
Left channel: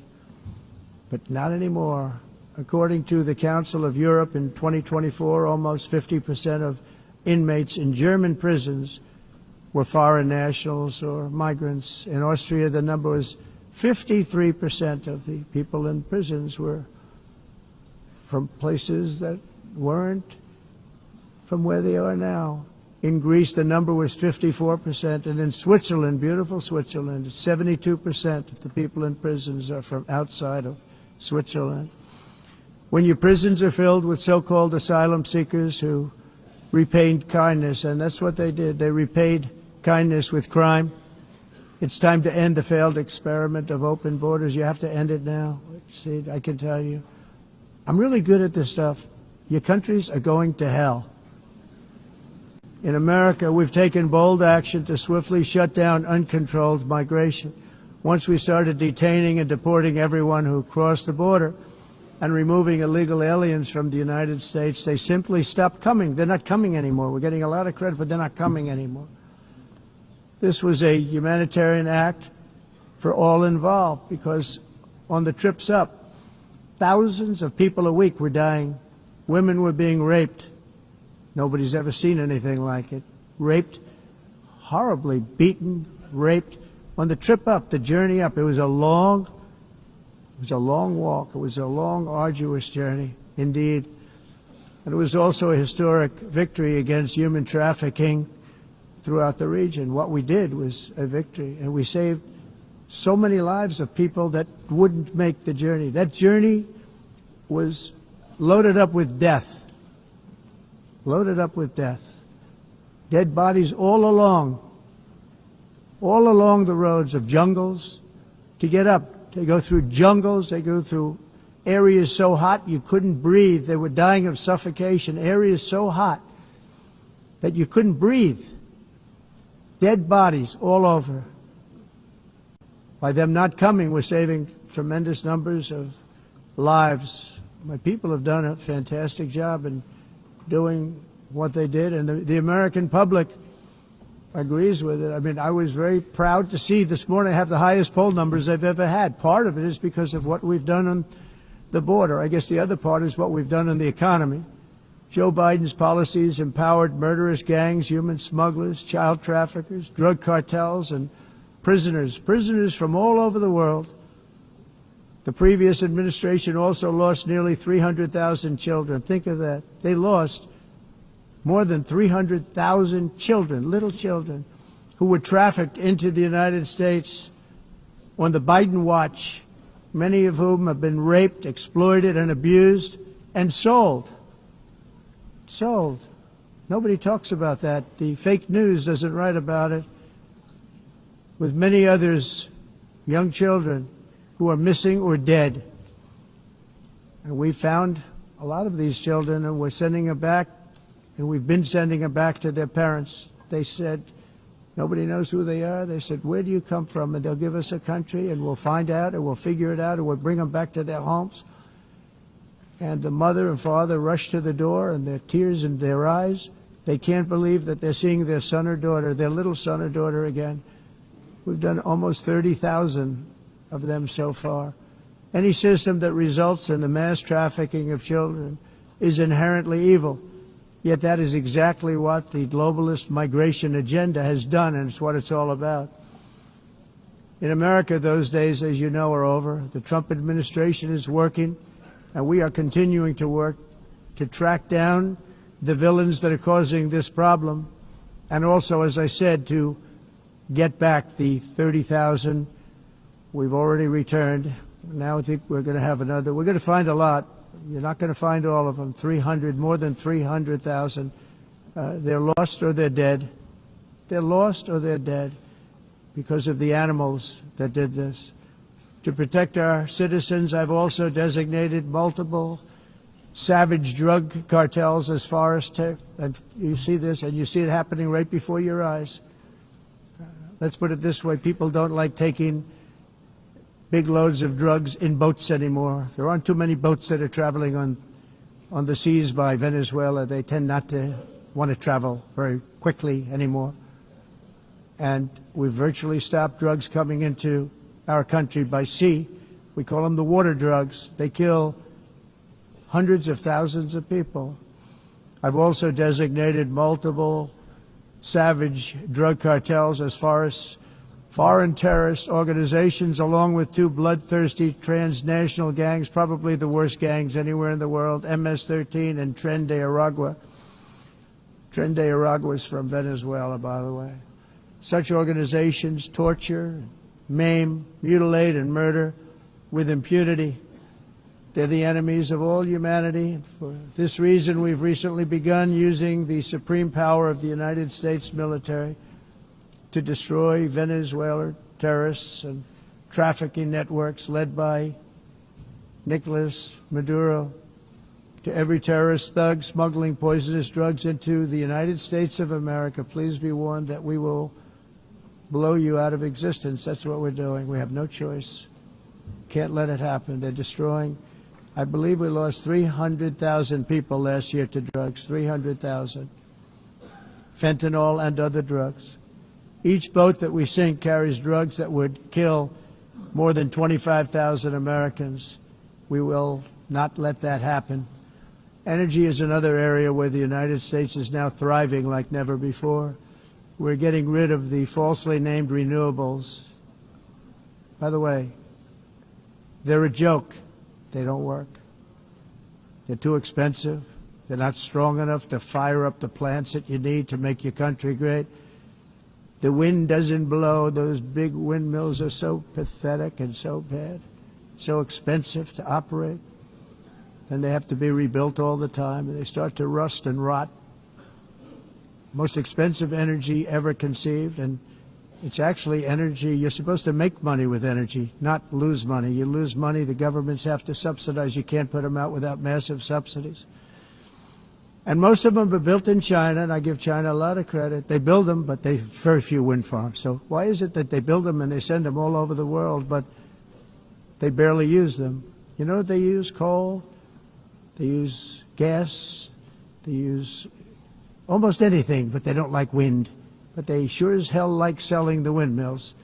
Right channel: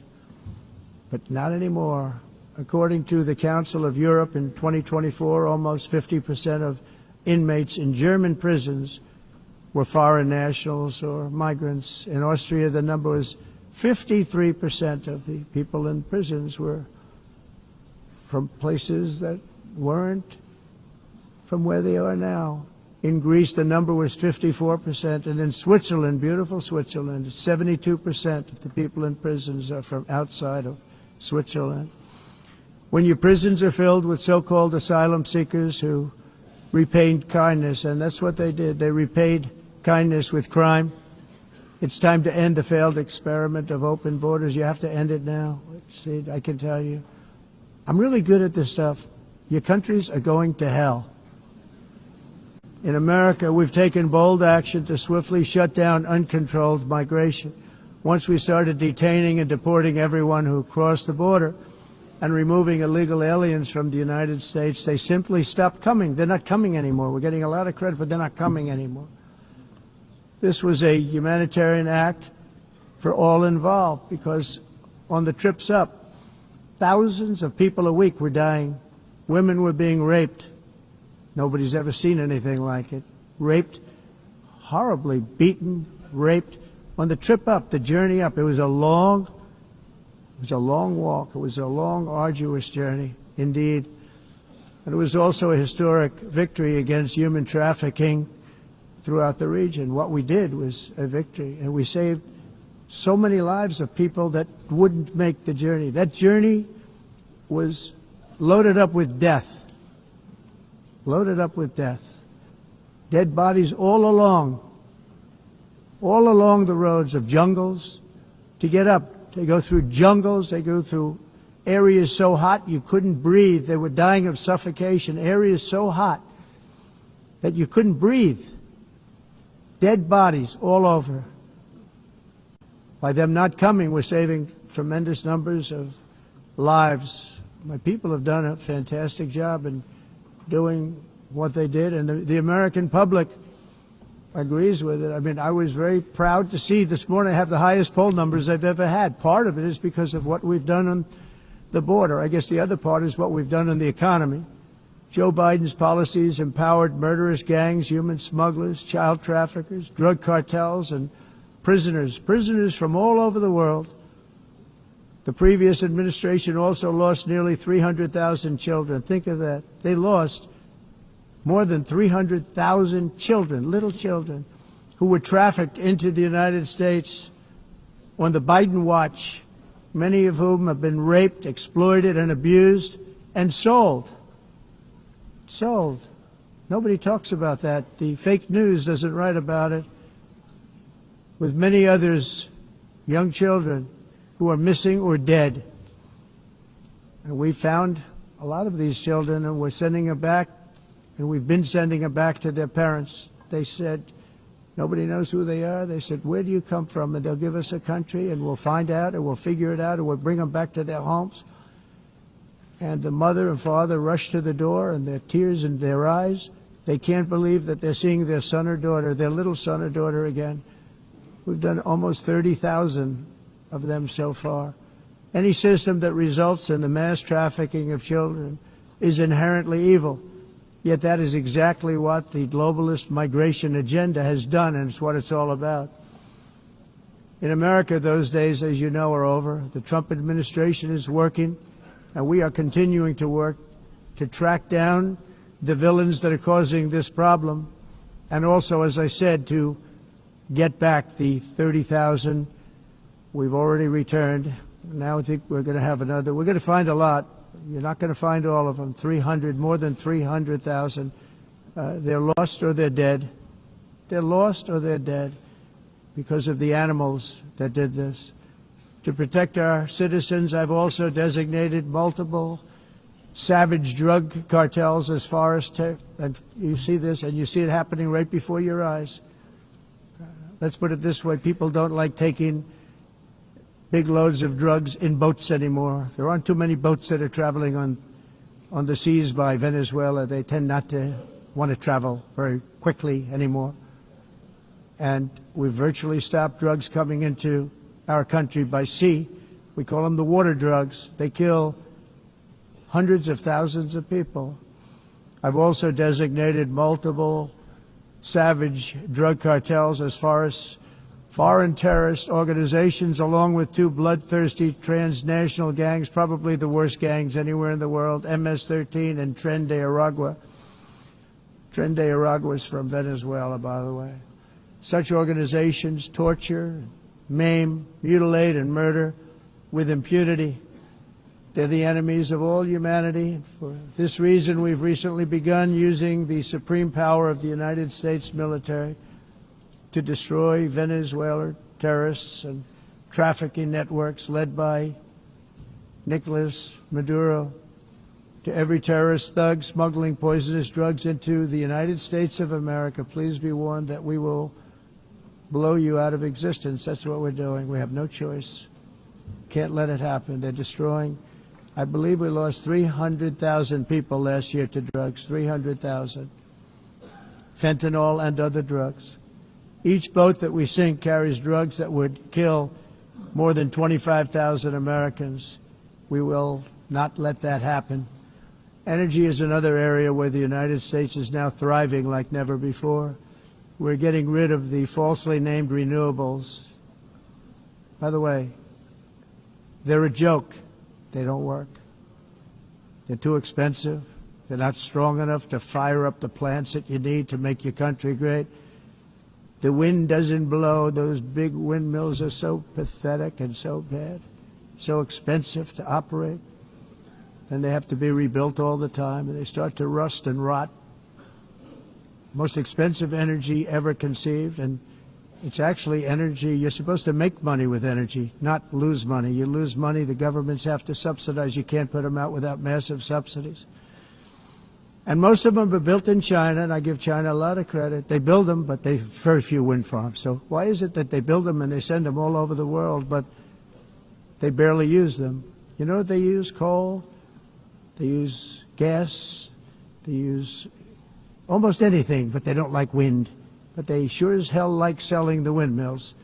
But not anymore. According to the Council of Europe, in 2024, almost 50% of inmates in German prisons were foreign nationals or migrants. In Austria, the number was 53% of the people in prisons were from places that weren't from where they are now. In Greece, the number was 54%, and in Switzerland, beautiful Switzerland, 72% of the people in prisons are from outside of Switzerland. When your prisons are filled with so-called asylum seekers who repaid kindness, and that's what they did, they repaid kindness with crime, it's time to end the failed experiment of open borders. You have to end it now. See, I can tell you, I'm really good at this stuff. Your countries are going to hell. In America, we've taken bold action to swiftly shut down uncontrolled migration. Once we started detaining and deporting everyone who crossed the border and removing illegal aliens from the United States, they simply stopped coming. They're not coming anymore. We're getting a lot of credit, but they're not coming anymore. This was a humanitarian act for all involved, because on the trips up, thousands of people a week were dying. Women were being raped. Nobody's ever seen anything like it. Raped, horribly beaten, raped. On the trip up, the journey up, it was a long walk. It was a long, arduous journey, indeed. And it was also a historic victory against human trafficking throughout the region. What we did was a victory, and we saved so many lives of people that wouldn't make the journey. That journey was loaded up with death. Loaded up with death. Dead bodies all along the roads of jungles to get up. They go through jungles, they go through areas so hot you couldn't breathe. They were dying of suffocation, areas so hot that you couldn't breathe. Dead bodies all over. By them not coming, we're saving tremendous numbers of lives. My people have done a fantastic job in doing what they did, and the American public agrees with it. I mean, I was very proud to see this morning I have the highest poll numbers I've ever had. Part of it is because of what we've done on the border. I guess the other part is what we've done on the economy. Joe Biden's policies empowered murderous gangs, human smugglers, child traffickers, drug cartels, and prisoners from all over the world The previous administration also lost nearly 300,000 children. Think of that. They lost more than 300,000 children, little children, who were trafficked into the United States on the Biden watch, many of whom have been raped, exploited, and abused, and sold. Sold. Nobody talks about that. The fake news doesn't write about it. With many others, young children who are missing or dead. And we found a lot of these children, and we're sending them back, and we've been sending them back to their parents. They said, nobody knows who they are. They said, where do you come from? And they'll give us a country, and we'll find out, and we'll figure it out, and we'll bring them back to their homes. And the mother and father rush to the door, and their tears in their eyes. They can't believe that they're seeing their son or daughter, their little son or daughter again. We've done almost 30,000 of them so far. Any system that results in the mass trafficking of children is inherently evil. Yet that is exactly what the globalist migration agenda has done, and it's what it's all about. In America, those days, as you know, are over. The Trump administration is working, and we are continuing to work to track down the villains that are causing this problem, and also, as I said, to get back the 30,000 we've already returned. Now I think we're going to have another. We're going to find a lot. You're not going to find all of them. 300, more than 300,000. They're lost or they're dead. They're lost or they're dead because of the animals that did this. To protect our citizens, I've also designated multiple savage drug cartels as far as and you see this, and you see it happening right before your eyes. Let's put it this way. People don't like taking big loads of drugs in boats anymore. There aren't too many boats that are traveling on the seas by Venezuela. They tend not to want to travel very quickly anymore. And we've virtually stopped drugs coming into our country by sea. We call them the water drugs. They kill hundreds of thousands of people. I've also designated multiple savage drug cartels as far as foreign terrorist organizations, along with two bloodthirsty transnational gangs, probably the worst gangs anywhere in the world, MS-13 and Tren de Aragua. Tren de Aragua is from Venezuela, by the way. Such organizations torture, maim, mutilate, and murder with impunity. They're the enemies of all humanity. For this reason, we've recently begun using the supreme power of the United States military to destroy Venezuelan terrorists and trafficking networks led by Nicolas Maduro. To every terrorist thug smuggling poisonous drugs into the United States of America, please be warned that we will blow you out of existence. That's what we're doing. We have no choice. Can't let it happen. They're destroying. I believe we lost 300,000 people last year to drugs, 300,000. Fentanyl and other drugs. Each boat that we sink carries drugs that would kill more than 25,000 Americans. We will not let that happen. Energy is another area where the United States is now thriving like never before. We're getting rid of the falsely named renewables. By the way, they're a joke. They don't work. They're too expensive. They're not strong enough to fire up the plants that you need to make your country great. The wind doesn't blow. Those big windmills are so pathetic and so bad, so expensive to operate. And they have to be rebuilt all the time, and they start to rust and rot. Most expensive energy ever conceived, and it's actually energy. You're supposed to make money with energy, not lose money. You lose money, the governments have to subsidize. You can't put them out without massive subsidies. And most of them are built in China, and I give China a lot of credit. They build them, but they very few wind farms. So why is it that they build them and they send them all over the world, but they barely use them? You know what they use? Coal. They use gas. They use almost anything, but they don't like wind. But they sure as hell like selling the windmills.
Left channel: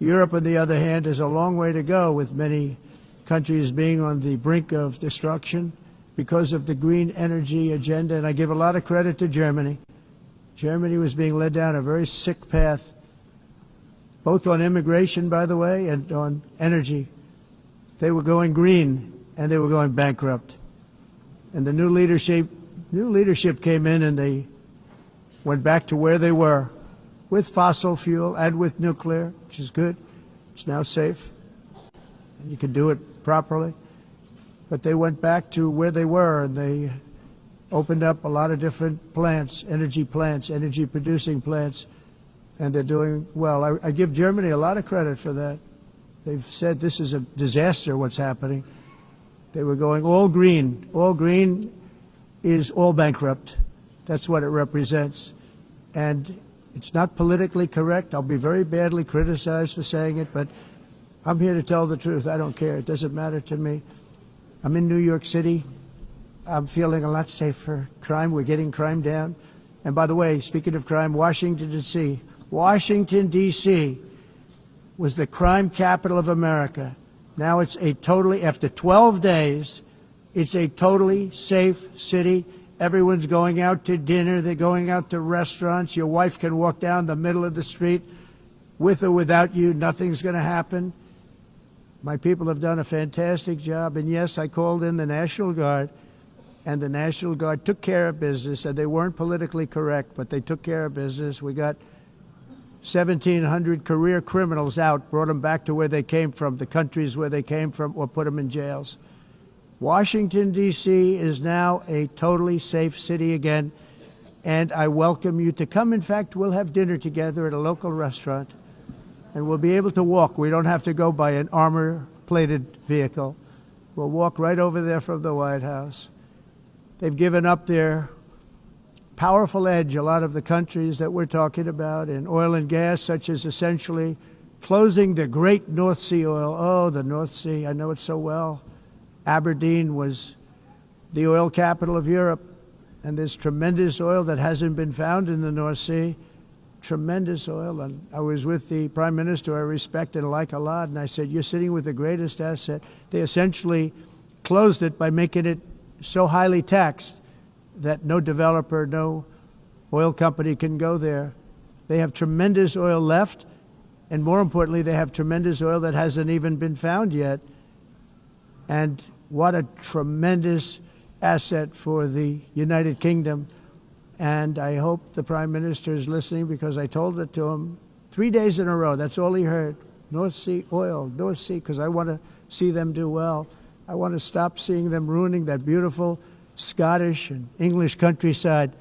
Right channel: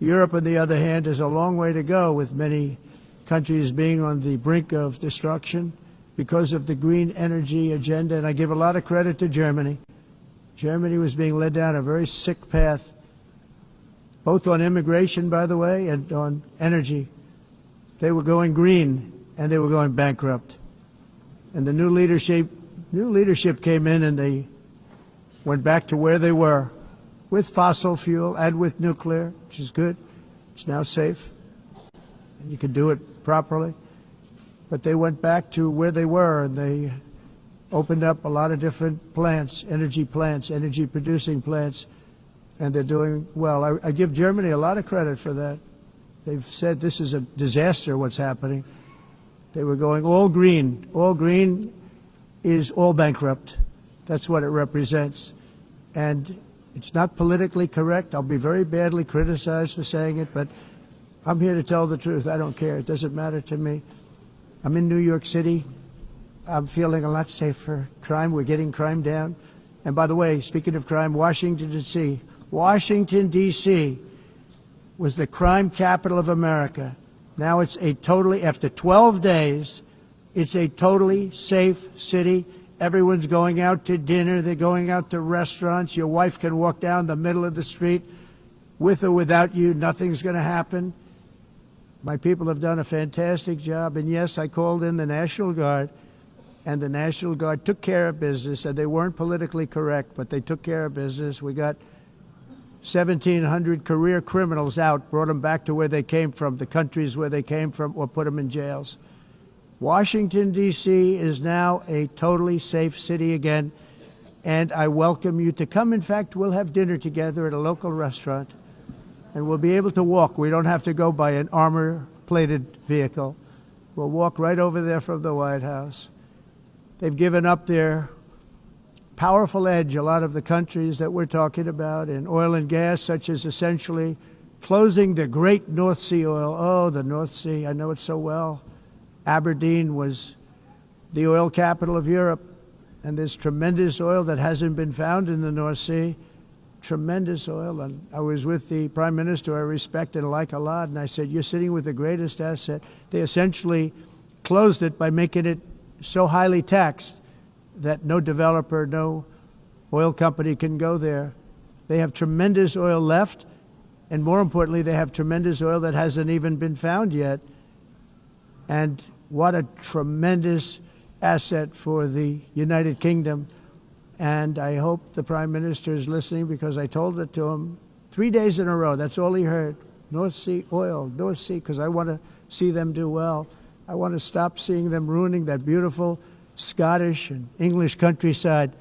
Europe, on the other hand, is a long way to go, with many countries being on the brink of destruction because of the green energy agenda. And I give a lot of credit to Germany. Germany was being led down a very sick path, both on immigration, by the way, and on energy. they were going green and they were going bankrupt. And the new leadership came in and they went back to where they were with fossil fuel and with nuclear, which is good. It's now safe. You can do it properly. But they went back to where they were and they opened up a lot of different plants, energy producing plants, and they're doing well. I give Germany a lot of credit for that. They've said this is a disaster, what's happening. They were going all green. All green is all bankrupt. That's what it represents. And it's not politically correct. I'll be very badly criticized for saying it, but I'm here to tell the truth. I don't care. It doesn't matter to me. I'm in New York City. I'm feeling a lot safer. Crime, we're getting crime down. And by the way, speaking of crime, Washington, D.C. was the crime capital of America. Now it's after 12 days, it's a totally safe city. Everyone's going out to dinner. They're going out to restaurants. Your wife can walk down the middle of the street with or without you. Nothing's going to happen. My people have done a fantastic job. And yes, I called in the National Guard, and the National Guard took care of business. And they weren't politically correct, but they took care of business. We got 1,700 career criminals out, brought them back to where they came from, the countries where they came from, or put them in jails. Washington, D.C. is now a totally safe city again, and I welcome you to come. In fact, we'll have dinner together at a local restaurant, and we'll be able to walk. We don't have to go by an armor-plated vehicle. We'll walk right over there from the White House. They've given up their powerful edge, a lot of the countries that we're talking about, in oil and gas, such as essentially closing the great North Sea oil. Oh, the North Sea, I know it so well. Aberdeen was the oil capital of Europe, and there's tremendous oil that hasn't been found in the North Sea, tremendous oil. And I was with the Prime Minister I respect and like a lot, and I said, you're sitting with the greatest asset. They essentially closed it by making it so highly taxed that no developer, no oil company can go there. They have tremendous oil left, and more importantly, they have tremendous oil that hasn't even been found yet. And what a tremendous asset for the United Kingdom. And I hope the Prime Minister is listening, because I told it to him 3 days in a row. That's all he heard. North Sea oil, North Sea, because I want to see them do well. I want to stop seeing them ruining that beautiful Scottish and English countryside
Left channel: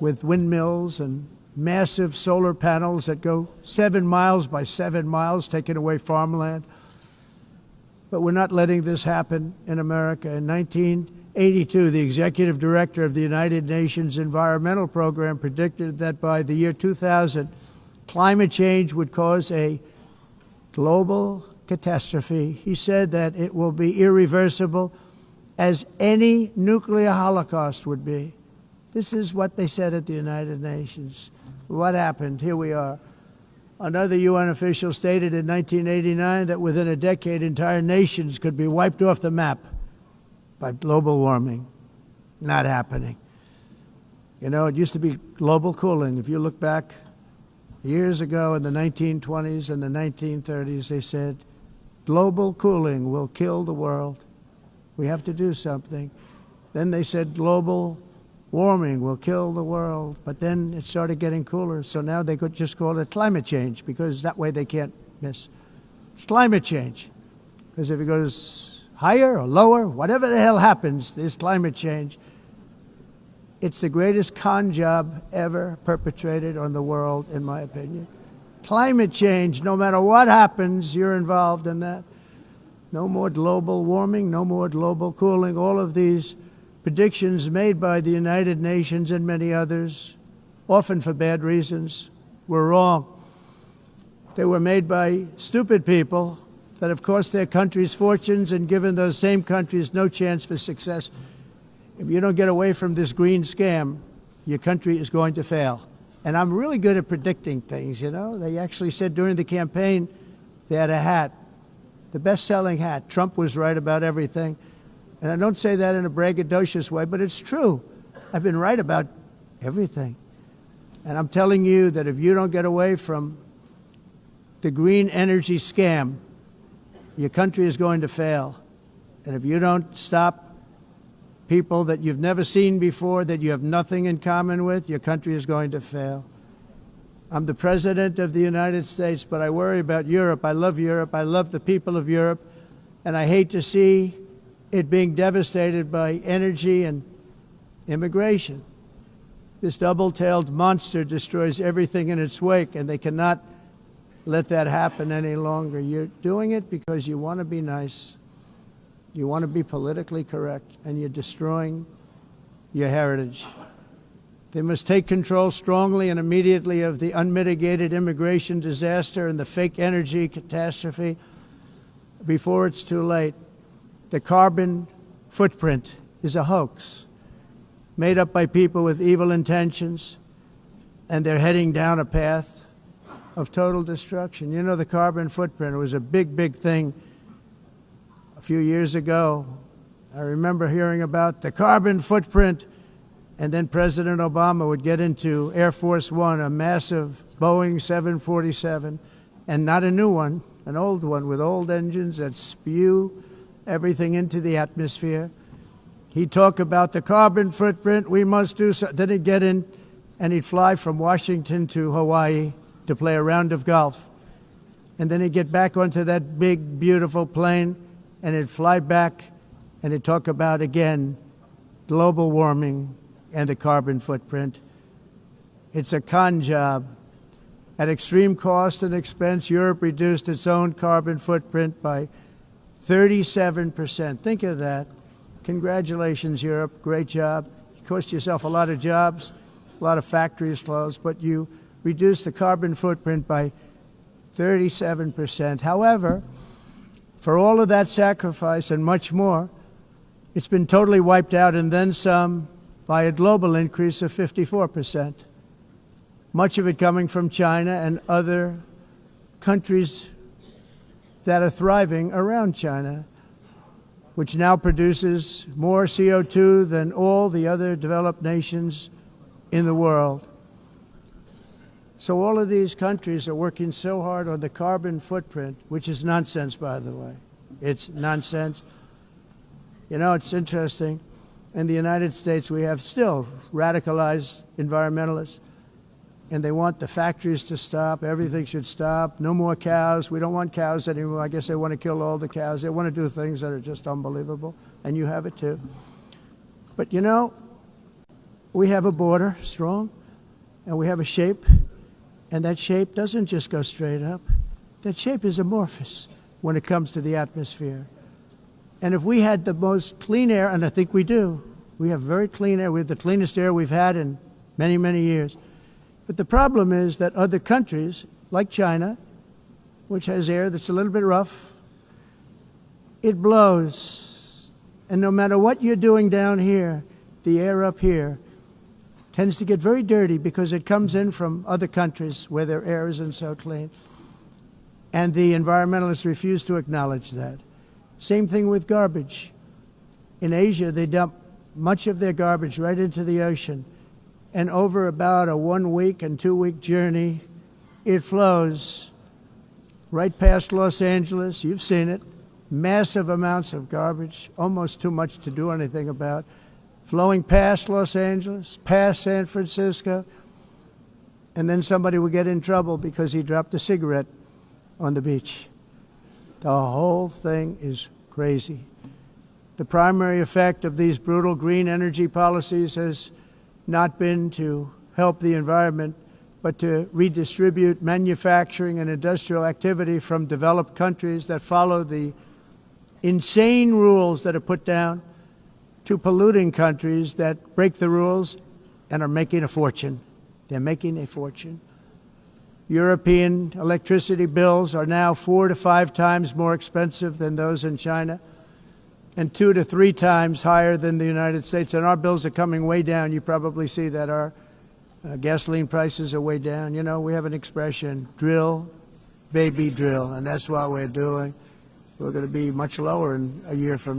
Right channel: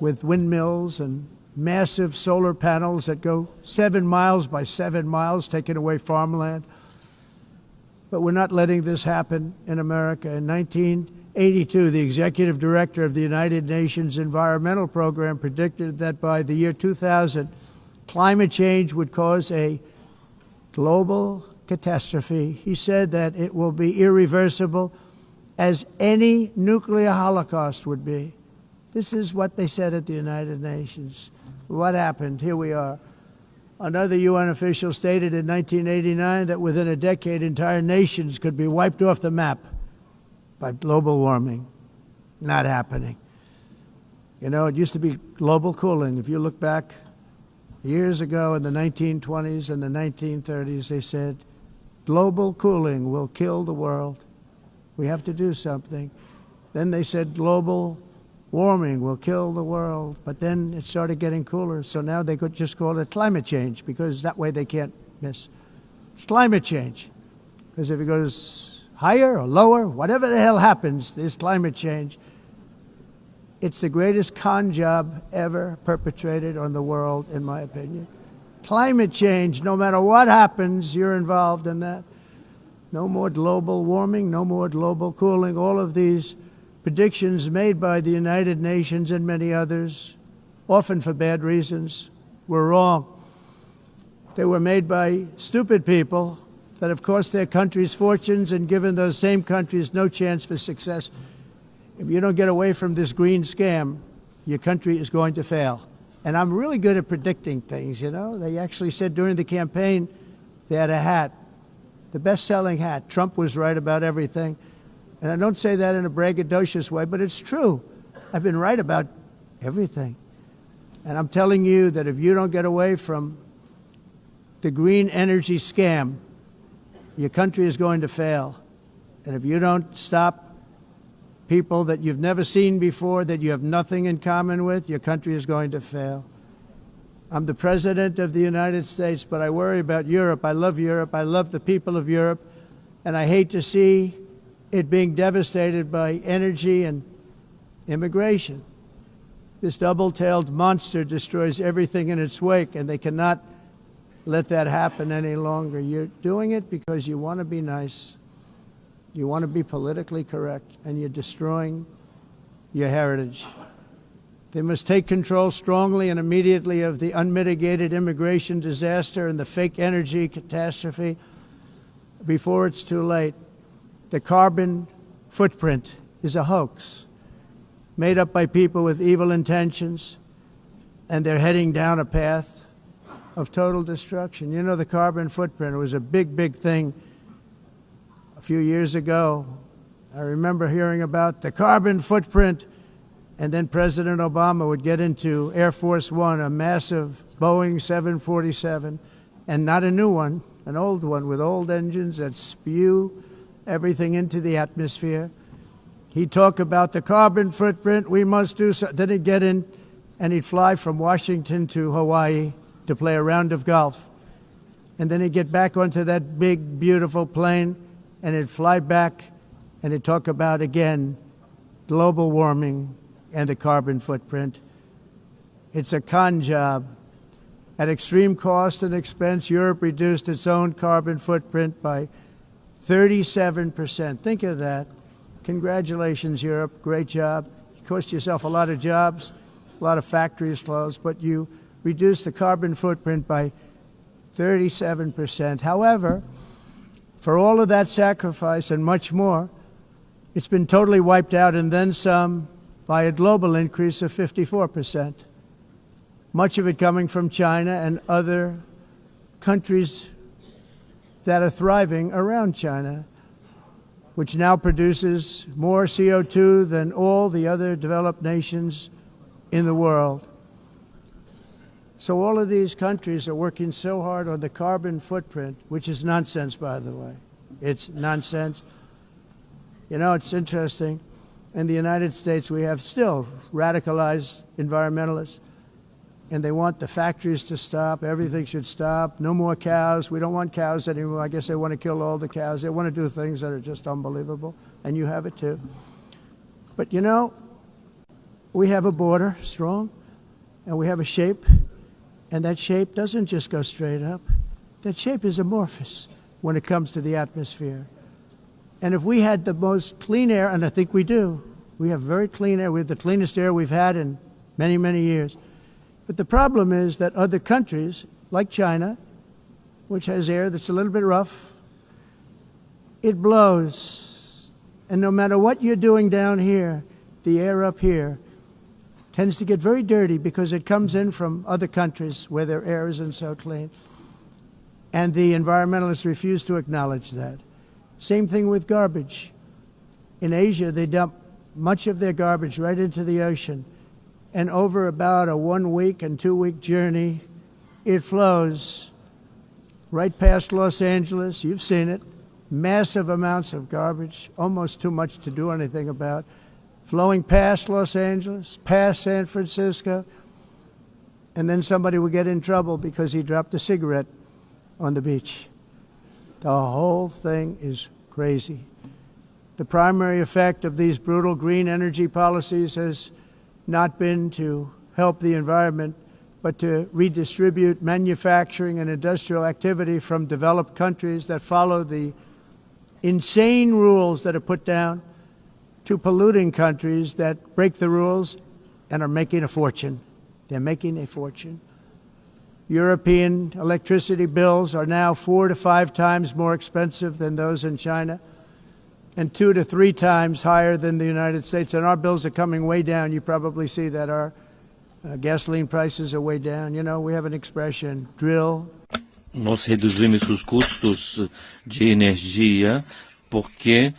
with windmills and massive solar panels that go 7 miles by 7 miles, taking away farmland. But we're not letting this happen in America. In 1982, the executive director of the United Nations Environmental Program predicted that by the year 2000, climate change would cause a global catastrophe. He said that it will be irreversible, as any nuclear holocaust would be. This is what they said at the United Nations. What happened? Here we are. Another UN official stated in 1989 that within a decade, entire nations could be wiped off the map by global warming. Not happening. You know, it used to be global cooling. If you look back years ago in the 1920s and the 1930s, they said, global cooling will kill the world. We have to do something. Then they said global warming will kill the world, but then it started getting cooler, so now they could just call it climate change, because that way they can't miss. It's climate change, because if it goes higher or lower, whatever the hell happens, there's climate change. It's the greatest con job ever perpetrated on the world, in my opinion. Climate change, no matter what happens, you're involved in that. No more global warming, no more global cooling, all of these predictions made by the United Nations and many others, often for bad reasons, were wrong. They were made by stupid people that have cost their countries fortunes and given those same countries no chance for success. If you don't get away from this green scam, your country is going to fail. And I'm really good at predicting things, you know. They actually said during the campaign they had a hat, the best-selling hat. Trump was right about everything. And I don't say that in a braggadocious way, but it's true. I've been right about everything. And I'm telling you that if you don't get away from the green energy scam, your country is going to fail. And if you don't stop people that you've never seen before, that you have nothing in common with, your country is going to fail. I'm the President of the United States, but I worry about Europe. I love Europe. I love the people of Europe. And I hate to see it being devastated by energy and immigration. This double-tailed monster destroys everything in its wake, and they cannot let that happen any longer. You're doing it because you want to be nice. You want to be politically correct, and you're destroying your heritage. They must take control strongly and immediately of the unmitigated immigration disaster and the fake energy catastrophe before it's too late. The carbon footprint is a hoax made up by people with evil intentions, and they're heading down a path of total destruction. You know, the carbon footprint, it was a big, big thing a few years ago. I remember hearing about the carbon footprint. And then President Obama would get into Air Force One, a massive Boeing 747, and not a new one, an old one with old engines that spew everything into the atmosphere. He'd talk about the carbon footprint, we must do so. Then he'd get in and he'd fly from Washington to Hawaii to play a round of golf. And then he'd get back onto that big, beautiful plane and he'd fly back and he'd talk about, again, global warming and the carbon footprint. It's a con job. At extreme cost and expense, Europe reduced its own carbon footprint by 37%. Think of that. Congratulations, Europe. Great job. You cost yourself a lot of jobs, a lot of factories closed, but you reduced the carbon footprint by 37%. However, for all of that sacrifice and much more, it's been totally wiped out and then some by a global increase of 54%. Much of it coming from China and other countries that are thriving around China, which now produces more CO2 than all the other developed nations in the world. So all of these countries are working so hard on the carbon footprint, which is nonsense, by the way. It's nonsense. You know, it's interesting. In the United States, we have still radicalized environmentalists, and they want the factories to stop. Everything should stop. No more cows. We don't want cows anymore. I guess they want to kill all the cows. They want to do things that are just unbelievable, and you have it too. But you know, we have a border, strong, and we have a shape, and that shape doesn't just go straight up. That shape is amorphous when it comes to the atmosphere. And if we had the most clean air, and I think we do, we have very clean air. We have the cleanest air we've had in many, many years. But the problem is that other countries, like China, which has air that's a little bit rough, it blows. And no matter what you're doing down here, the air up here tends to get very dirty because it comes in from other countries where their air isn't so clean. And the environmentalists refuse to acknowledge that. Same thing with garbage. In Asia, they dump much of their garbage right into the ocean. And over about a 1 week and 2 week journey, it flows right past Los Angeles. You've seen it. Massive amounts of garbage, almost too much to do anything about, flowing past Los Angeles, past San Francisco. And then somebody will get in trouble because he dropped a cigarette on the beach. The whole thing is crazy. The primary effect of these brutal green energy policies has not been to help the environment, but to redistribute manufacturing and industrial activity from developed countries that follow the insane rules that are put down to polluting countries that break the rules and are making a fortune. They're making a fortune. European electricity bills are now 4 to 5 times more expensive than those in China, and 2 to 3 times higher than the United States. And our bills are coming way down. You probably see that our gasoline prices are way down. You know, we have an expression, drill, Nós reduzimos os custos de energia porque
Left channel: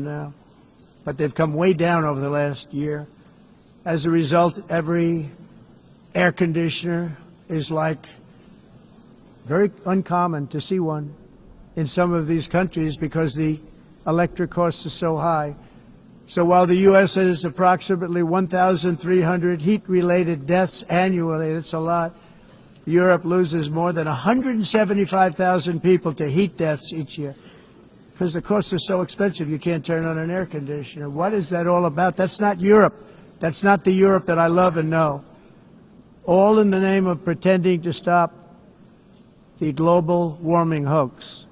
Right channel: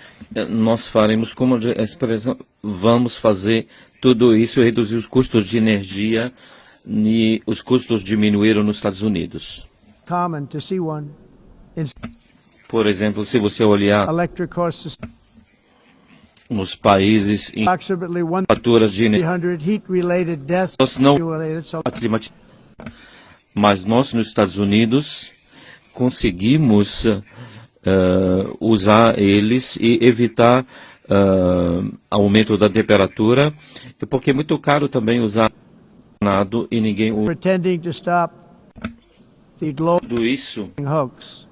nós faremos, como a expressão, vamos fazer tudo isso e reduzir os custos de energia e os custos diminuíram nos Estados Unidos. in some of these Por countries exemplo, because se você the olhar electric costs are so high. So while nos the U.S. has países em approximately fatura de 1,300 heat-related deaths nós não annually, it's a lot. climatizamos, Europe loses mas more nós than nos Estados Unidos 175,000 people to heat deaths conseguimos each year. usar eles e evitar aumento da temperatura, porque é muito caro também usar all in the name of pretending to stop the global isso. warming hoax.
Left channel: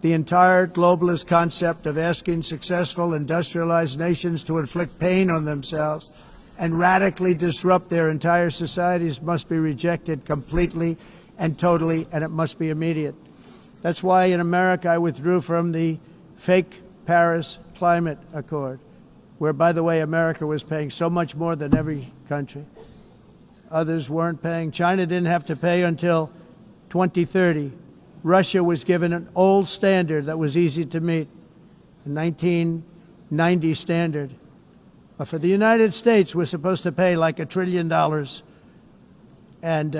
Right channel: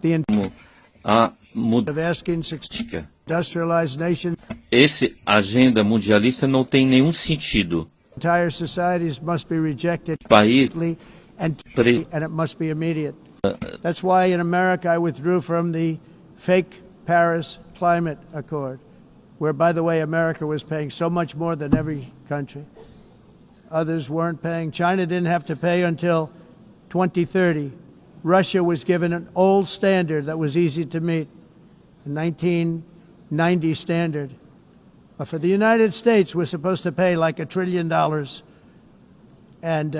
The entire globalist concept of asking successful industrialized nations to inflict pain on agenda themselves mundialista não and tem nenhum radically sentido. disrupt their entire societies must be rejected completely and totally, and it must be immediate. That's why in America I withdrew from the fake Paris Climate Accord, where, by the way, America was paying so much more than every country. Others weren't paying. China didn't have to pay until 2030. Russia was given an old standard that was easy to meet, a 1990 standard. But for the United States, we're supposed to pay like $1 trillion. And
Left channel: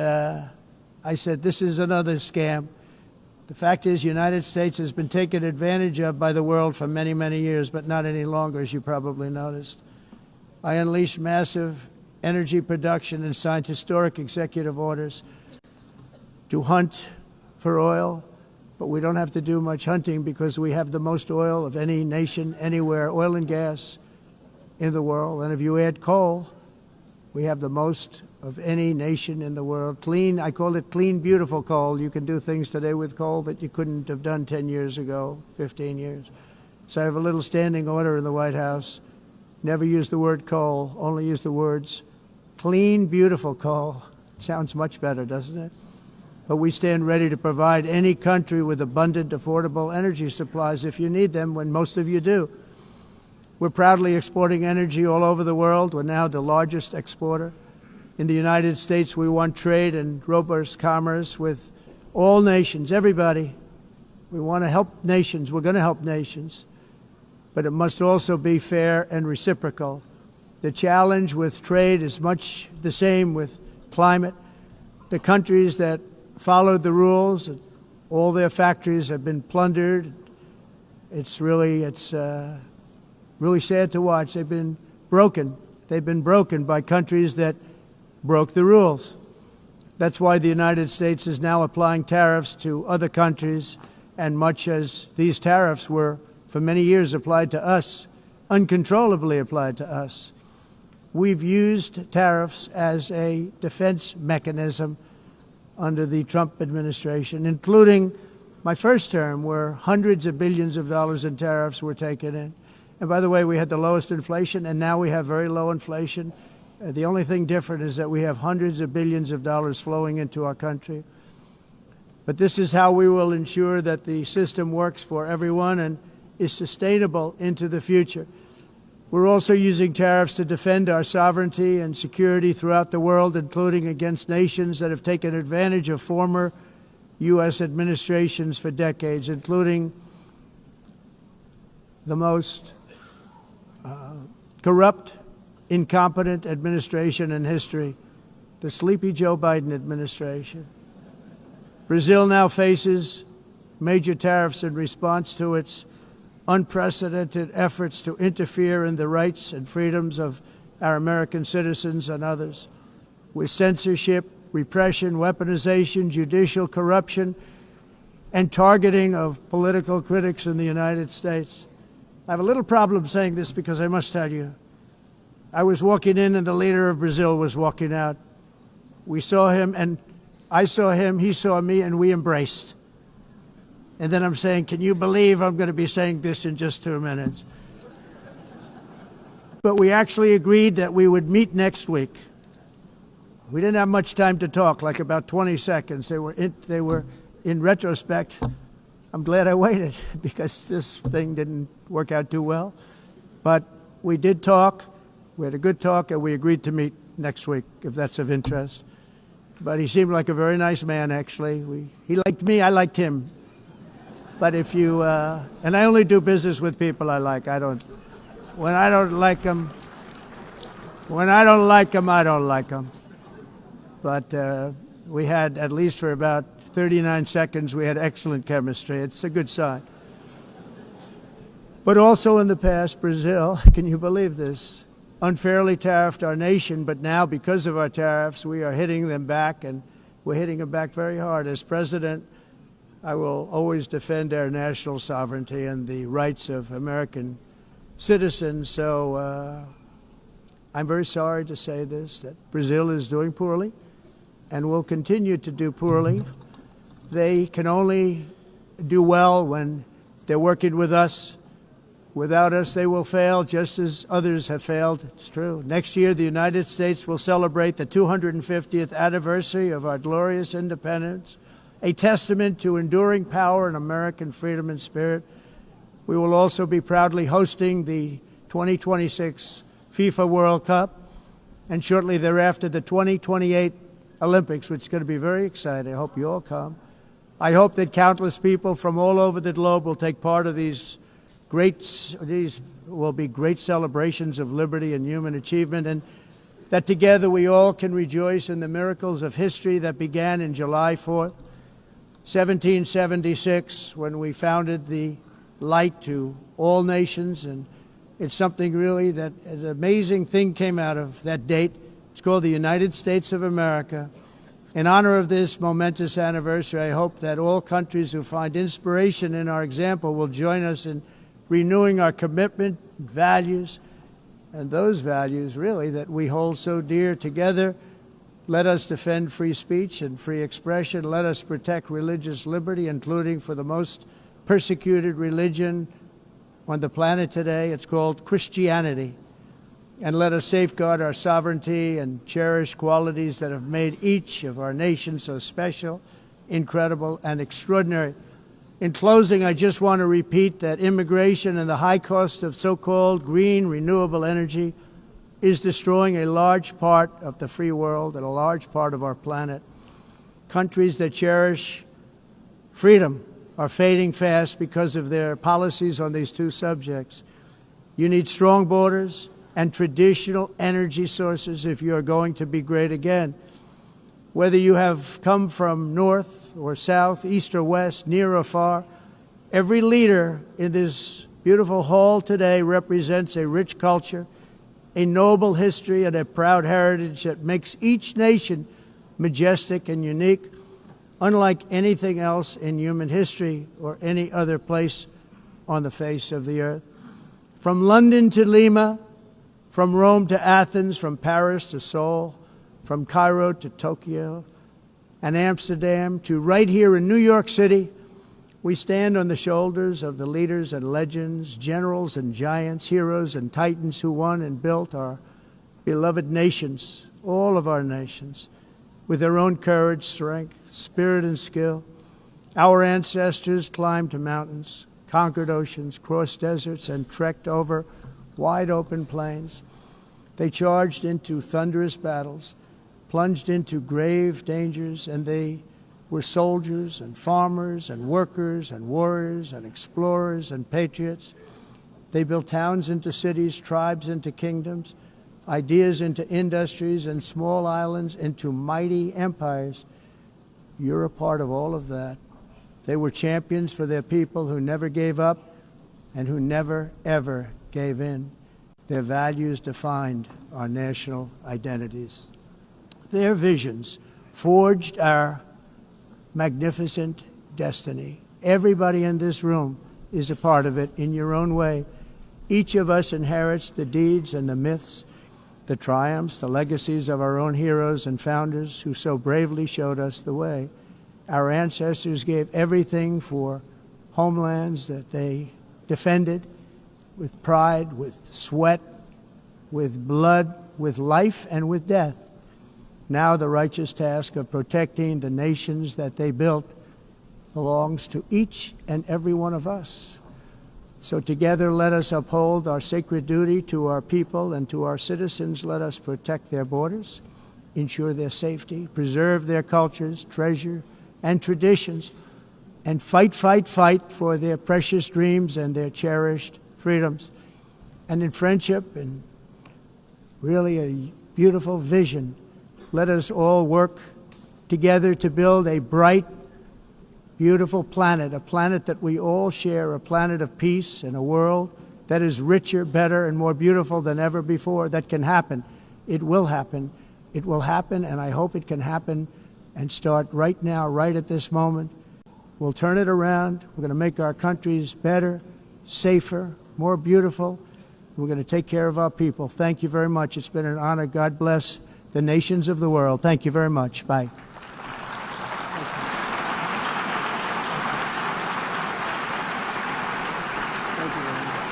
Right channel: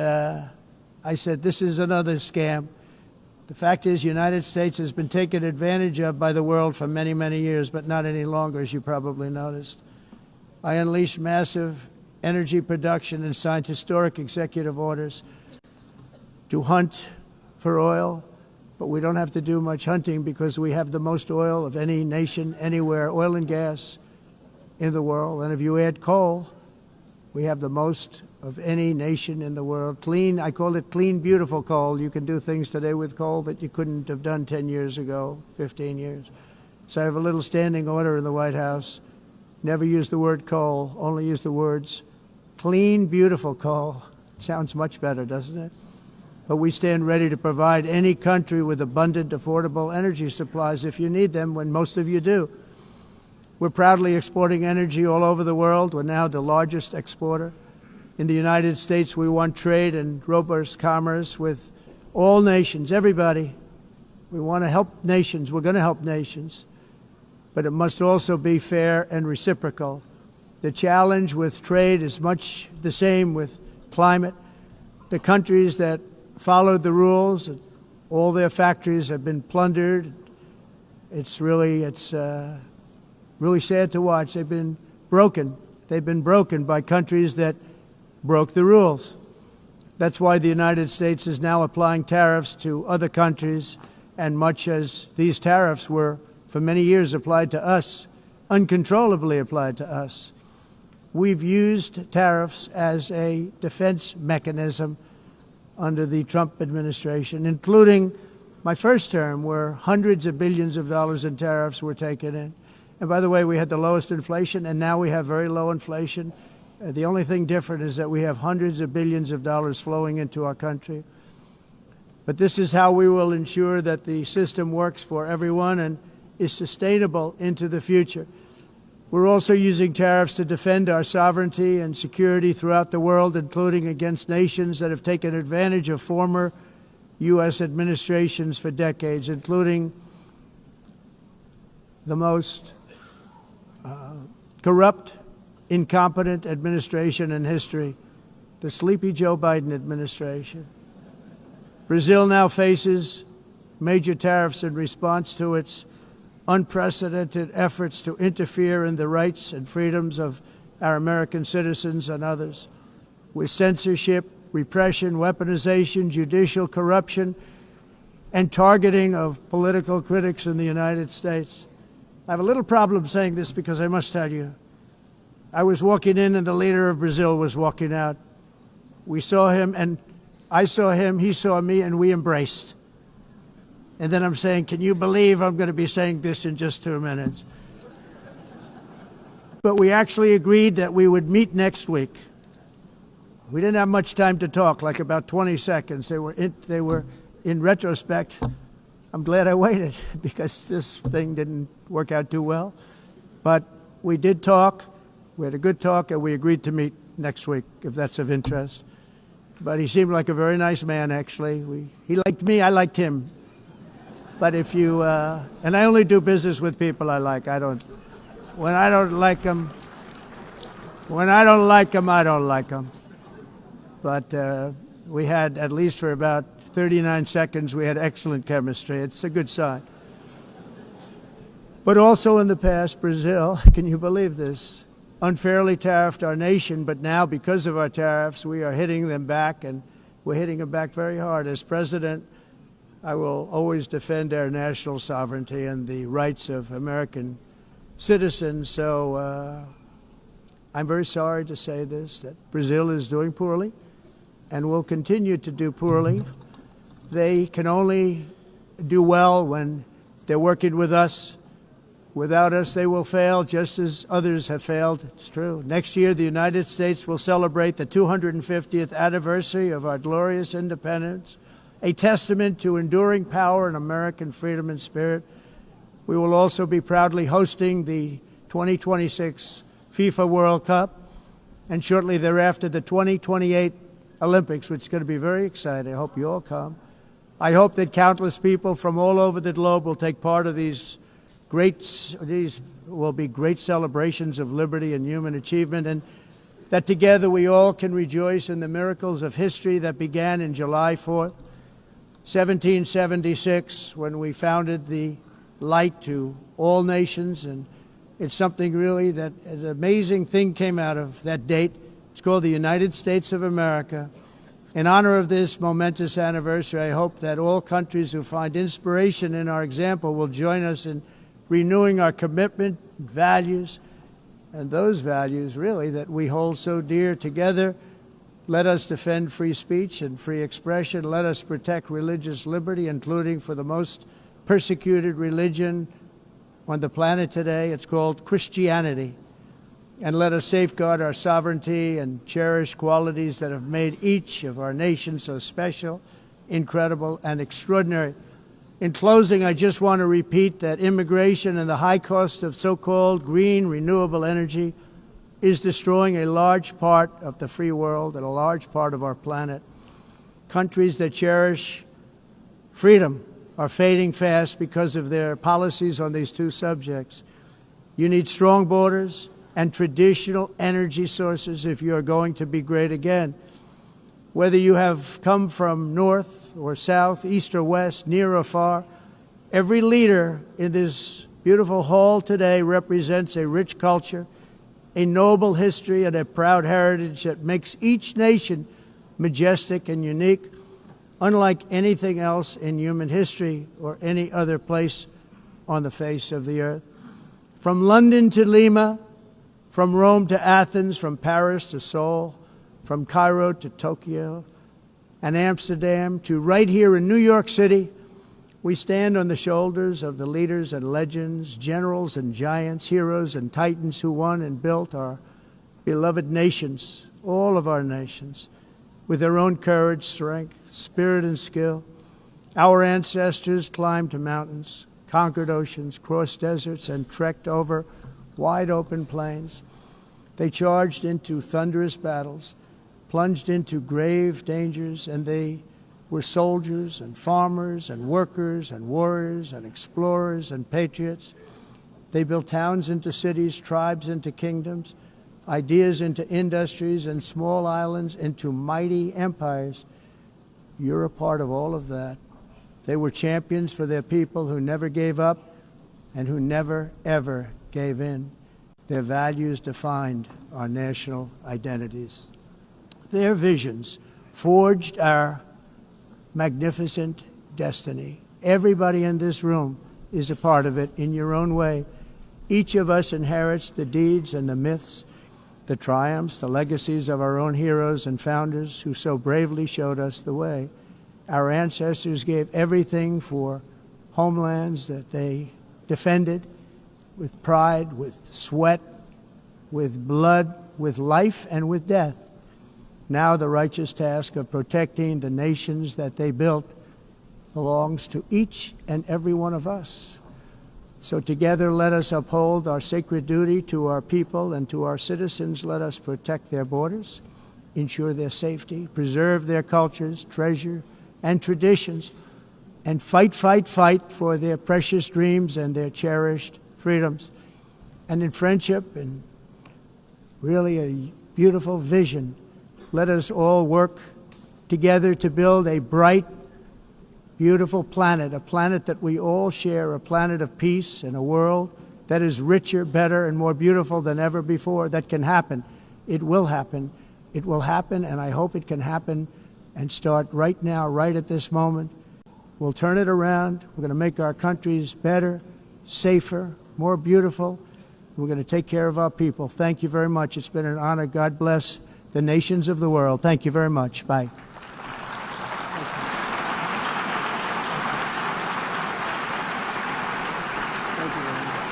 I said, this is another scam. The fact is, the United States has been taken advantage of by the world for many, many years, but not any longer, as you probably noticed. I unleashed massive energy production and signed historic executive orders to hunt for oil, but we don't have to do much hunting because we have the most oil of any nation anywhere, oil and gas in the world. And if you add coal, we have the most of any nation in the world. Clean, I call it clean, beautiful coal. You can do things today with coal that you couldn't have done 10 years ago, 15 years. So I have a little standing order in the White House. Never use the word coal, only use the words clean, beautiful coal. Sounds much better, doesn't it? But we stand ready to provide any country with abundant, affordable energy supplies if you need them, when most of you do. We're proudly exporting energy all over the world. We're now the largest exporter. In the United States, we want trade and robust commerce with all nations, everybody. We want to help nations. We're going to help nations. But it must also be fair and reciprocal. The challenge with trade is much the same with climate. The countries that followed the rules, all their factories have been plundered. It's really sad to watch. They've been broken. They've been broken by countries that broke the rules. That's why the United States is now applying tariffs to other countries, and much as these tariffs were for many years applied to us, uncontrollably applied to us. We've used tariffs as a defense mechanism under the Trump administration, including my first term, where hundreds of billions of dollars in tariffs were taken in. And by the way, we had the lowest inflation, and now we have very low inflation. The only thing different is that we have hundreds of billions of dollars flowing into our country. But this is how we will ensure that the system works for everyone and is sustainable into the future. We're also using tariffs to defend our sovereignty and security throughout the world, including against nations that have taken advantage of former U.S. administrations for decades, including the most corrupt, incompetent administration in history, the sleepy Joe Biden administration. Brazil now faces major tariffs in response to its unprecedented efforts to interfere in the rights and freedoms of our American citizens and others, with censorship, repression, weaponization, judicial corruption, and targeting of political critics in the United States. I have a little problem saying this because I must tell you, I was walking in and the leader of Brazil was walking out. We saw him, and I saw him, he saw me, and we embraced. And then I'm saying, can you believe I'm going to be saying this in just 2 minutes? But we actually agreed that we would meet next week. We didn't have much time to talk, like about 20 seconds. They were in retrospect, I'm glad I waited because this thing didn't work out too well. But we did talk. We had a good talk, and we agreed to meet next week, if that's of interest. But he seemed like a very nice man, actually. He liked me, I liked him. But if you, and I only do business with people I like. When I don't like them, I don't like them. But we had, at least for about 39 seconds, we had excellent chemistry. It's a good sign. But also in the past, Brazil, can you believe this, unfairly tariffed our nation, but now because of our tariffs, we are hitting them back, and we're hitting them back very hard. As president, I will always defend our national sovereignty and the rights of American citizens. So I'm very sorry to say this, that Brazil is doing poorly and will continue to do poorly. They can only do well when they're working with us. Without us, they will fail, just as others have failed. It's true. Next year, the United States will celebrate the 250th anniversary of our glorious independence, a testament to enduring power and American freedom and spirit. We will also be proudly hosting the 2026 FIFA World Cup, and shortly thereafter, the 2028 Olympics, which is going to be very exciting. I hope you all come. I hope that countless people from all over the globe will take part of these will be great celebrations of liberty and human achievement, and that together we all can rejoice in the miracles of history that began in July 4th, 1776, when we founded the light to all nations. And it's something really that an amazing thing came out of that date. It's called the United States of America. In honor of this momentous anniversary, I hope that all countries who find inspiration in our example will join us in renewing our commitment, values, and those values really that we hold so dear. Together, let us defend free speech and free expression. Let us protect religious liberty, including for the most persecuted religion on the planet today. It's called Christianity. And let us safeguard our sovereignty and cherish qualities that have made each of our nations so special, incredible, and extraordinary. In closing, I just want to repeat that immigration and the high cost of so-called green renewable energy is destroying a large part of the free world and a large part of our planet. Countries that cherish freedom are fading fast because of their policies on these two subjects. You need strong borders and traditional energy sources if you are going to be great again. Whether you have come from north or south, east or west, near or far, every leader in this beautiful hall today represents a rich culture, a noble history, and a proud heritage that makes each nation majestic and unique, unlike anything else in human history or any other place on the face of the earth. From London to Lima, from Rome to Athens, from Paris to Seoul, from Cairo to Tokyo and Amsterdam to right here in New York City, we stand on the shoulders of the leaders and legends, generals and giants, heroes and titans who won and built our beloved nations, all of our nations, with their own courage, strength, spirit, and skill. Our ancestors climbed mountains, conquered oceans, crossed deserts, and trekked over wide open plains. They charged into thunderous battles, plunged into grave dangers, and they were soldiers and farmers and workers and warriors and explorers and patriots. They built towns into cities, tribes into kingdoms, ideas into industries, and small islands into mighty empires. You're a part of all of that. They were champions for their people who never gave up and who never, ever gave in. Their values defined our national identities. Their visions forged our magnificent destiny. Everybody in this room is a part of it in your own way. Each of us inherits the deeds and the myths, the triumphs, the legacies of our own heroes and founders who so bravely showed us the way. Our ancestors gave everything for homelands that they defended with pride, with sweat, with blood, with life, and with death. Now the righteous task of protecting the nations that they built belongs to each and every one of us. So together let us uphold our sacred duty to our people and to our citizens. Let us protect their borders, ensure their safety, preserve their cultures, treasure, and traditions, and fight, fight, fight for their precious dreams and their cherished freedoms. And in friendship and really a beautiful vision, let us all work together to build a bright, beautiful planet, a planet that we all share, a planet of peace and a world that is richer, better, and more beautiful than ever before. That can happen. It will happen. It will happen, and I hope it can happen and start right now, right at this moment. We'll turn it around. We're going to make our countries better, safer, more beautiful. We're going to take care of our people. Thank you very much. It's been an honor. God bless the nations of the world. Thank you very much. Bye. Thank you very much.